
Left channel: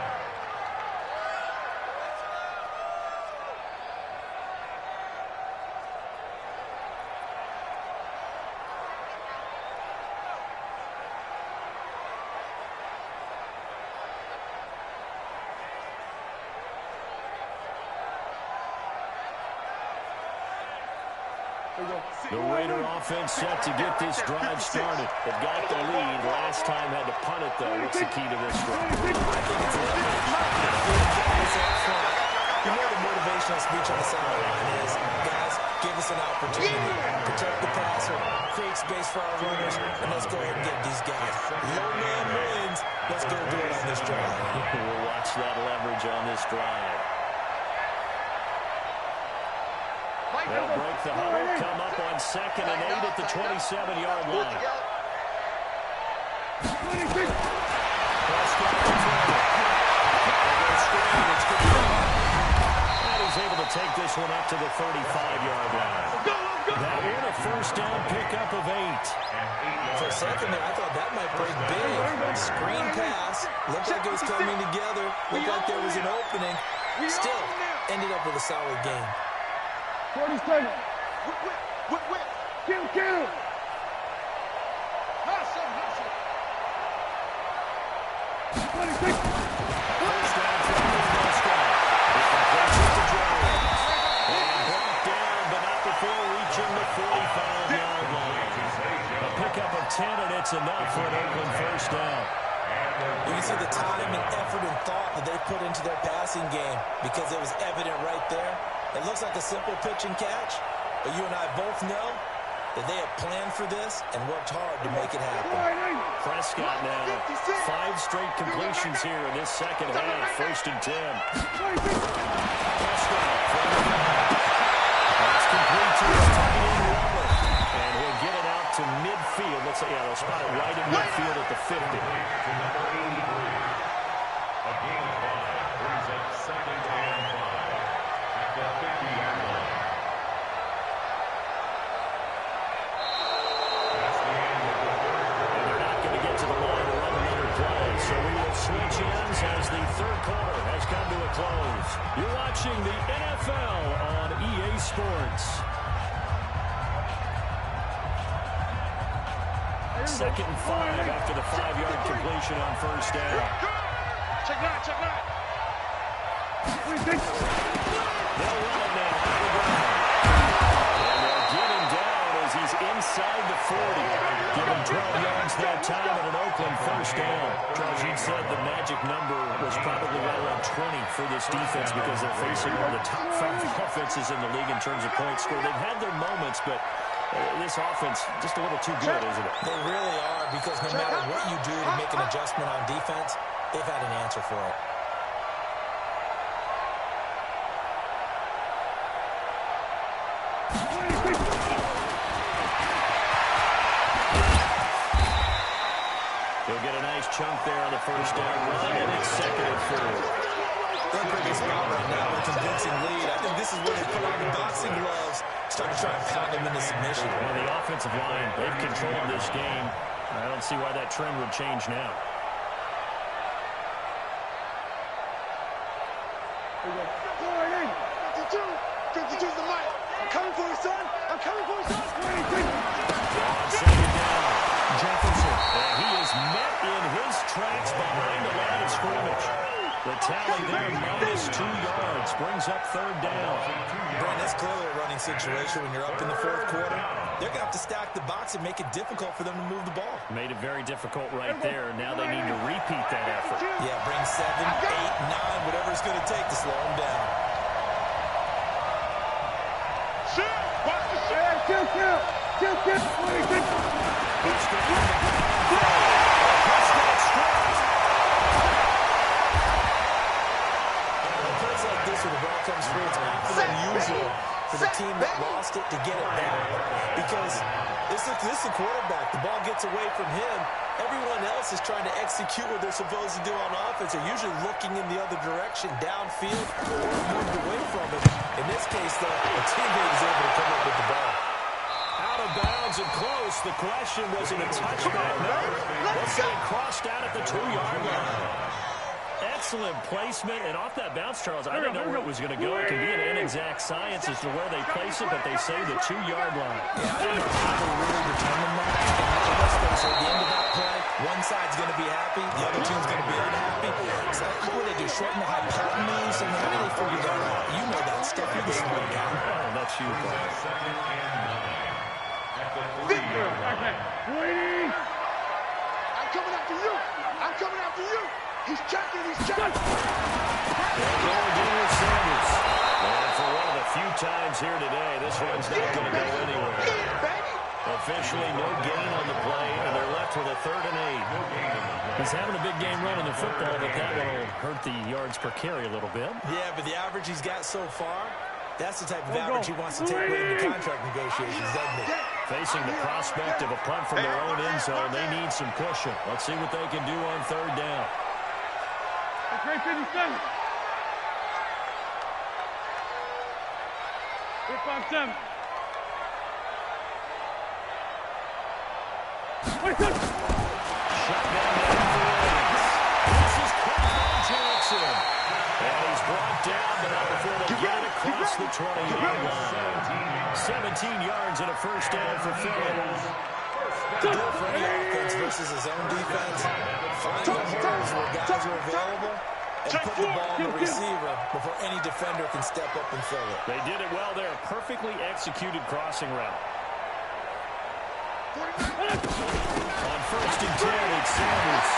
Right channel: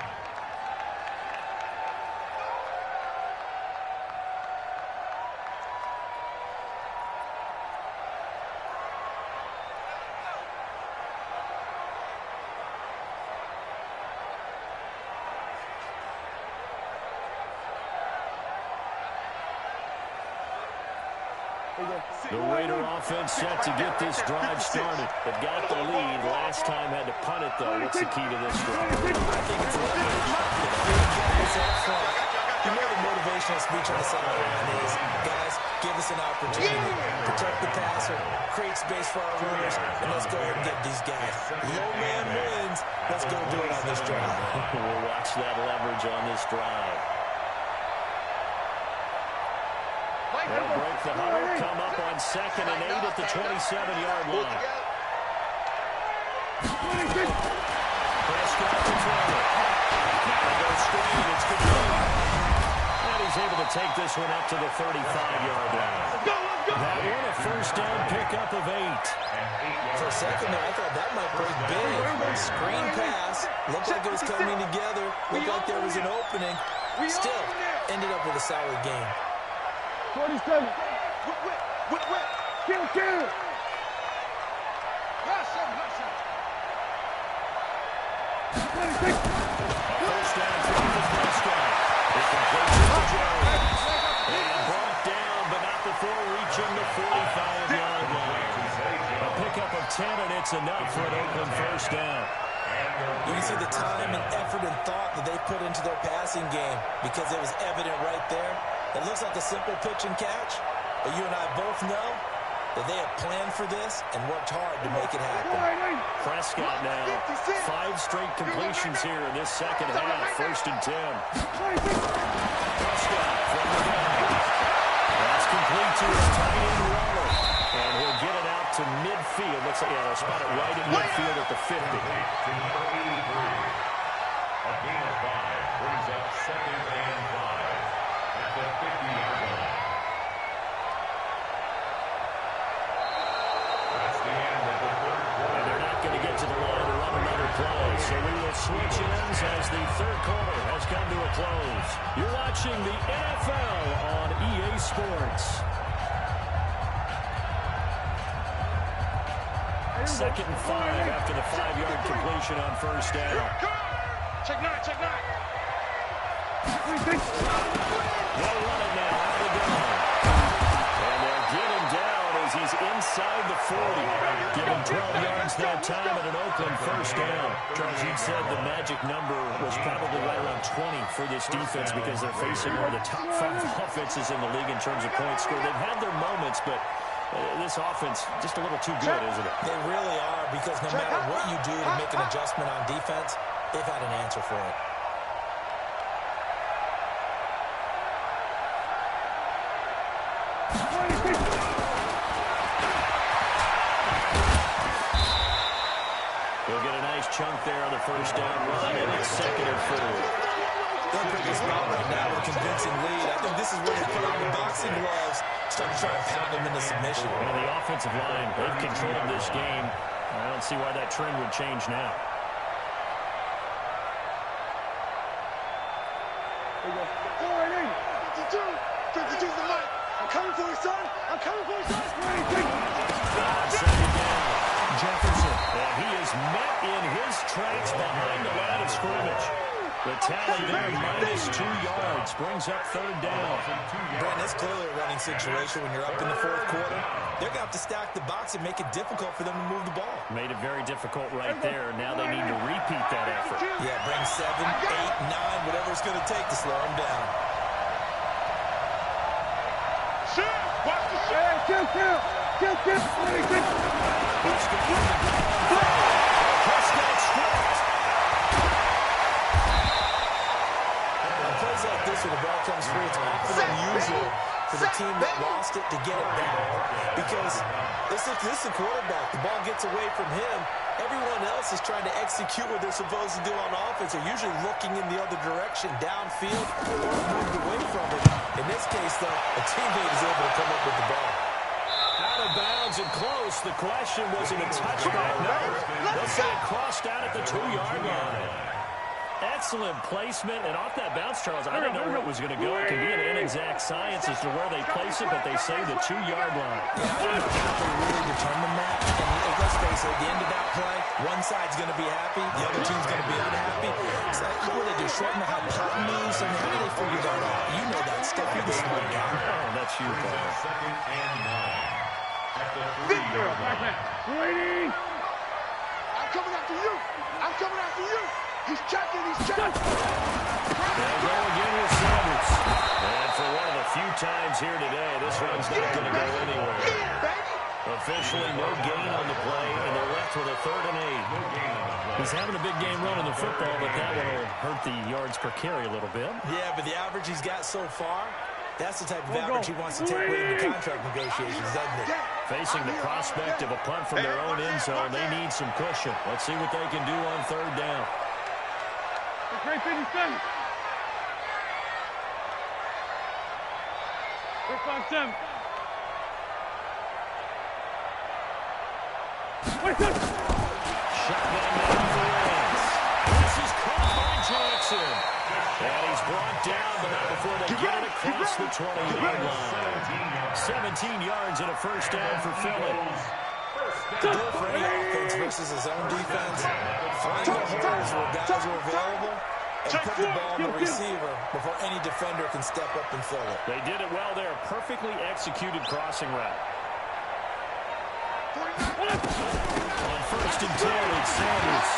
The Raider offense set to get this drive started. They've got the lead. Last time had to punt it, though. What's the key to this drive? I think it's you know the motivational speech on the sideline is, guys, give us an opportunity. Protect the passer, create space for our runners, and let's go ahead and get these guys. Low man wins. Let's go do it on this drive. We'll watch that leverage on this drive. They'll break the huddle, come up on 2nd and 8 at the 27-yard line. Prescott to throw it. Now they go screen. It's good to go. And he's able to take this one up to the 35-yard line. That one a 1st down pickup of 8. For a second there, I thought that might break big. Screen pass. Looked like it was coming together. Looked like there was an opening. Still, ended up with a solid game. 47. Whip. Kill. Pass him. 26. First down for Prescott. It completes it to Jones. And brought down, but not before reaching the 45-yard line. A pickup of 10, and it's enough for an Oakland 1st down. You can see the time and effort and thought that they put into their passing game because it was evident right there. It looks like a simple pitch and catch, but you and I both know that they have planned for this and worked hard to make it happen. Prescott now, 5 straight completions here in this second half. 1st and 10. Prescott from the gun. That's complete to his tight end Waller. And he'll get it out to midfield. Looks like, they'll spot it right in midfield at the 50. To number 83. A gain of 5 brings up 2nd and 5 at the 50-yard line. That's the end of the 3rd quarter. And they're not going to get to the line to run another play. So we will switch ends as the 3rd quarter has come to a close. You're watching the NFL on EA Sports. 2nd and 5 after the 5-yard completion on 1st down. Check 9. They'll run it now out of the ground. And they'll get him down as he's inside the 40. Give him 12 yards that time at an Oakland 1st down. Charles, you'd said the magic number was probably right around 20 for this defense because they're facing one of the top 5 offenses in the league in terms of points scored. They've had their moments, but this offense just a little too good, isn't it? They really are, because no matter what you do to make an adjustment on defense, they've had an answer for it. He'll get a nice chunk there on the 1st down run, and it's 2nd and 4. They're in a pretty good spot right now with a convincing lead. I think this is where they put on the boxing gloves, start to try and pound them into submission. And the offensive line, they've controlled this game. I don't see why that trend would change now. There you go. 52's the mic. I'm coming for you, son. On 2nd down, Jefferson. And he is met in his tracks behind the line of scrimmage. The tally there, -2 yards. yards. Brings up third down. Brent, it's clearly a running situation when you're up in the fourth quarter. They're going to have to stack the box and make it difficult for them to move the ball. Made it very difficult right there. Now they need to repeat that effort. Yeah, bring 7, 8, 9, whatever it's going to take to slow them down. Watch the shot. Kill. Prescott stripped. Plays like this where the ball comes free, it's often unusual for the team that lost it to get it back. Because this is the quarterback. The ball gets away from him. Everyone else is trying to execute what they're supposed to do on offense. They're usually looking in the other direction, downfield, or moved away from it. In this case, though, a teammate is able to come up with the ball. Out of bounds and close. The question, was it a touchback? No. Let's say it crossed out at the 2-yard line. Excellent placement, and off that bounce, Charles, I didn't know where it was going to go. It can be an inexact science as to where they place it, but they say the 2-yard line. Yeah, I don't know how they really determine that. And let's face it, at the end of that play, one side's going to be happy, the other team's going to be unhappy. So what do they do, shorten the hypotenuse? I mean, how do they figure that out? You know that stuff. You're the smart guy. Oh, that's you, partner. Second and 9 at the 3-yard line. Waiting. I'm coming after you. He's checking. They'll go again with Sanders. And for one of the few times here today, this run's not going to go anywhere. Officially, no gain on the play, and they're left with a 3rd and 8. He's having a big game running the football, but that one will hurt the yards per carry a little bit. Yeah, but the average he's got so far, that's the type of average he wants to take away in the contract negotiations, doesn't it? Facing the prospect of a punt from their own end zone, they need some cushion. Let's see what they can do on 3rd down. Great 57. 357. Shotgun down the wings. This is caught by Jackson. And he's brought down, but not before they get it across the 20-yard line. 17 yards and a first down for Philly. To go for any offense versus his own defense, find the holes where guys are available and put the ball on the receiver before any defender can step up and fill it. They did it well there. Perfectly executed crossing route. On 1st and 10, it's Sanders.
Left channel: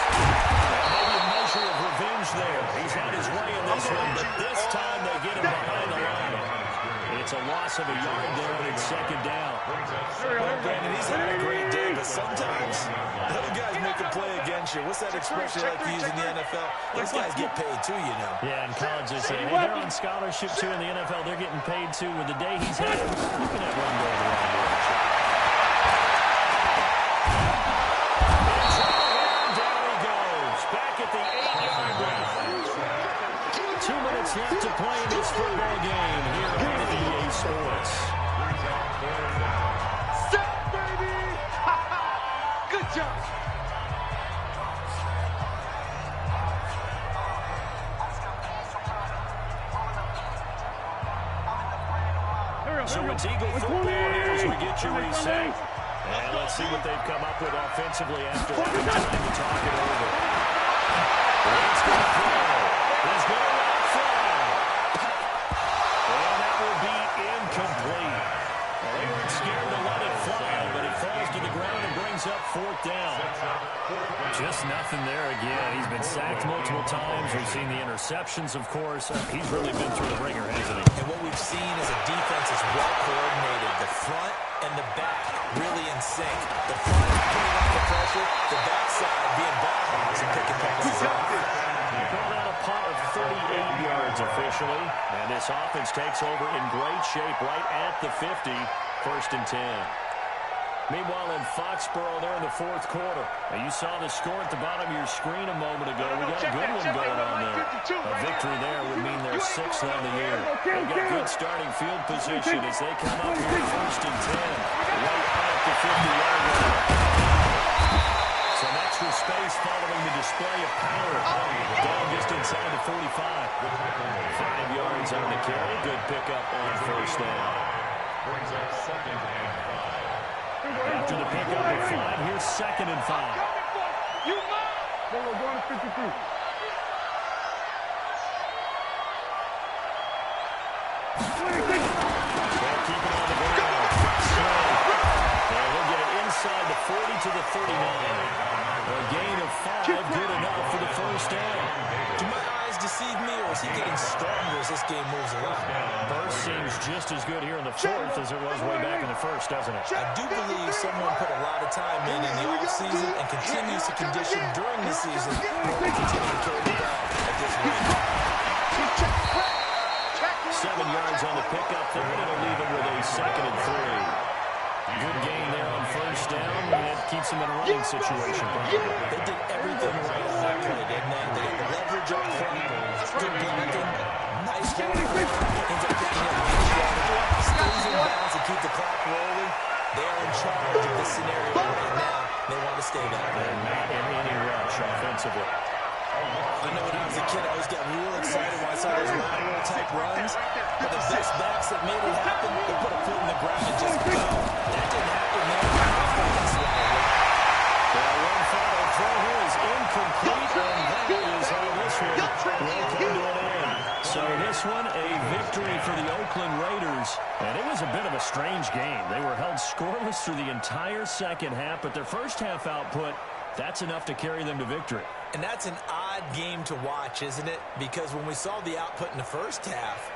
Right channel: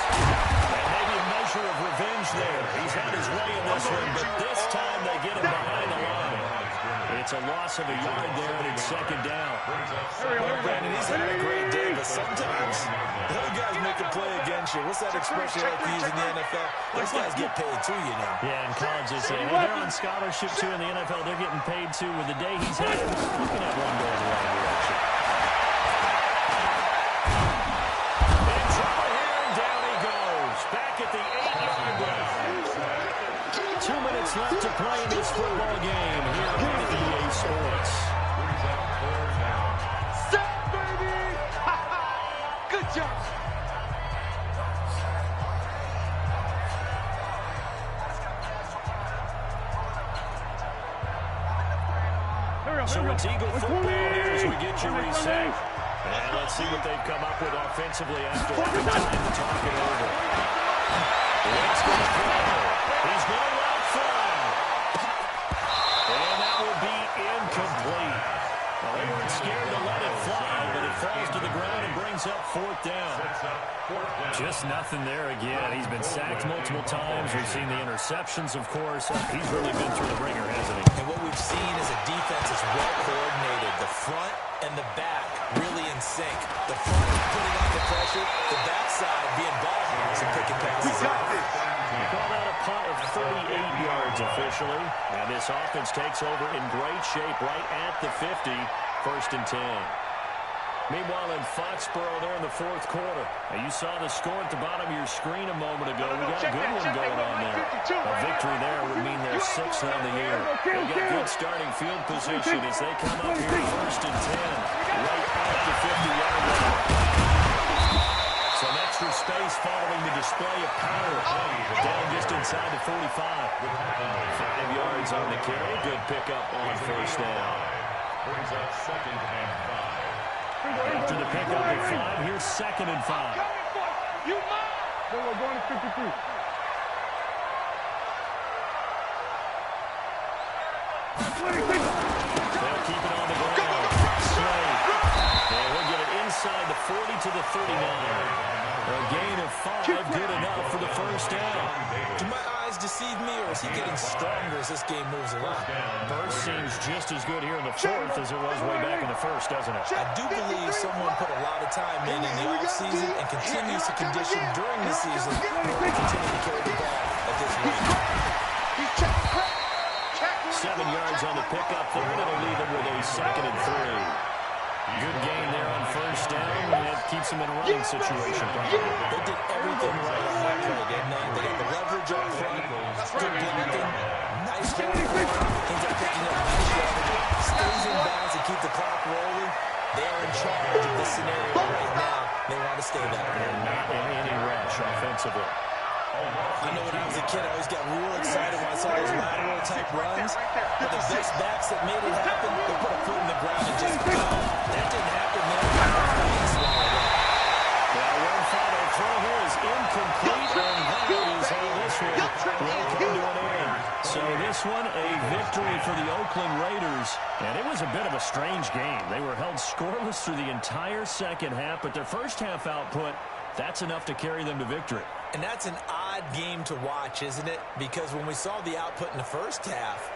And maybe a measure of revenge there. He's had his way in this one, but this time they get him behind the line. It's a loss of a yard there, and it's 2nd down. Well, Brandon, he's having a great day, but sometimes the other guys make a play against you. What's that expression you like to use in the NFL? Those guys get paid too, you know. Yeah, in college they say, hey, they're on scholarship too. In the NFL, they're getting paid too. With the day he's had, you can have one go in the wrong direction. In trouble here, and down he goes. Back at the 8-yard line. 2 minutes left to play in this football game here on EA Sports. Set, baby! Good job. So it's Eagle football here as we get you reset. And let's see what they've come up with offensively after having time to talk it over. Wade's going to throw. He's going to let it fly. And that will be incomplete. Well, they weren't scared to let it fly, but it falls to the ground and brings up 4th down. Just nothing there again. He's been sacked multiple times. We've seen the interceptions, of course. He's really been through the ringer, hasn't he? And what we've seen is a defense is well coordinated. The front and the back really in sync. The front putting on the pressure, the backside being ball hawks and picking passes off. We call that a punt of 38 yards officially. And this offense takes over in great shape right at the 50, 1st and 10. Meanwhile, in Foxborough, they're in the 4th quarter. Now, you saw the score at the bottom of your screen a moment ago. We got a good one going on there. A victory there would mean they're 6th on the year. They've got good starting field position as they come up here 1st and 10, right at the 50-yard line. Some extra space following the display of power. Down just inside the 45. 5 yards on the carry. Good pickup on 1st down. Brings up 2nd and 5. After the pickup of 5, here's 2nd and 5. You mine. Then we're going to 53. They'll keep it on the ground. Slay. And he'll get it inside the 40 to the 39. A gain of 5, good enough for the first down. Do my eyes deceive me, or is he getting stronger as this game moves along? Burst seems just as good here in the fourth as it was way back in the first, doesn't it? I do believe someone put a lot of time in the offseason and continues to condition during the season to continue to carry the ball at this rate. 7 yards on the pickup there, and it'll leave him with a 2nd and 3. Good gain there on first down, and it keeps him in a running situation, probably. They did everything right on that play, didn't they? They got the leverage up front, good blocking, nice hold, ends up picking up nice yardage, stays in bounds to keep the clock rolling. They are in charge of this scenario right now. They want to stay that way. They're not in any rush offensively. I know when I was a kid, I always got real excited when I saw those lateral-type runs. But the best backs that made it happen, they put a foot in the ground and just go. That didn't happen there. Well, Winfield throw here is incomplete, and that is how this one will come to an end. So this one, a victory for the Oakland Raiders. And it was a bit of a strange game. They were held scoreless through the entire second half, but their first half output, that's enough to carry them to victory. And that's an odd game to watch, isn't it? Because when we saw the output in the first half,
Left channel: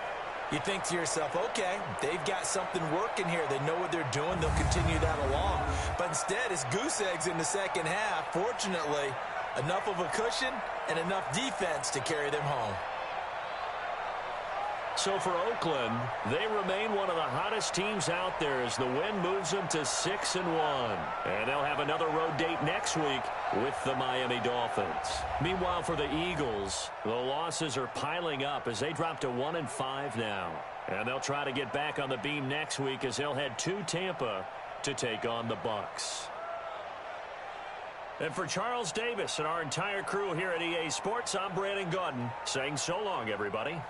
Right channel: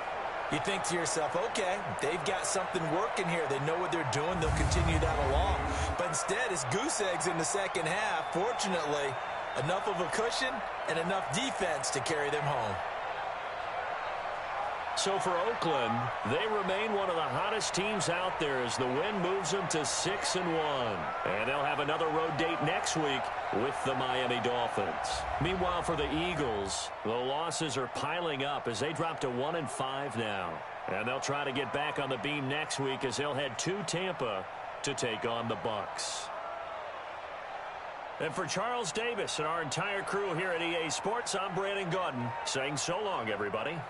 you think to yourself, okay, they've got something working here. They know what they're doing. They'll continue that along. But instead, it's goose eggs in the second half. Fortunately, enough of a cushion and enough defense to carry them home. So for Oakland, they remain one of the hottest teams out there as the win moves them to 6-1. And they'll have another road date next week with the Miami Dolphins. Meanwhile, for the Eagles, the losses are piling up as they drop to 1-5 now. And they'll try to get back on the beam next week as they'll head to Tampa to take on the Bucs. And for Charles Davis and our entire crew here at EA Sports, I'm Brandon Gaudin saying so long, everybody.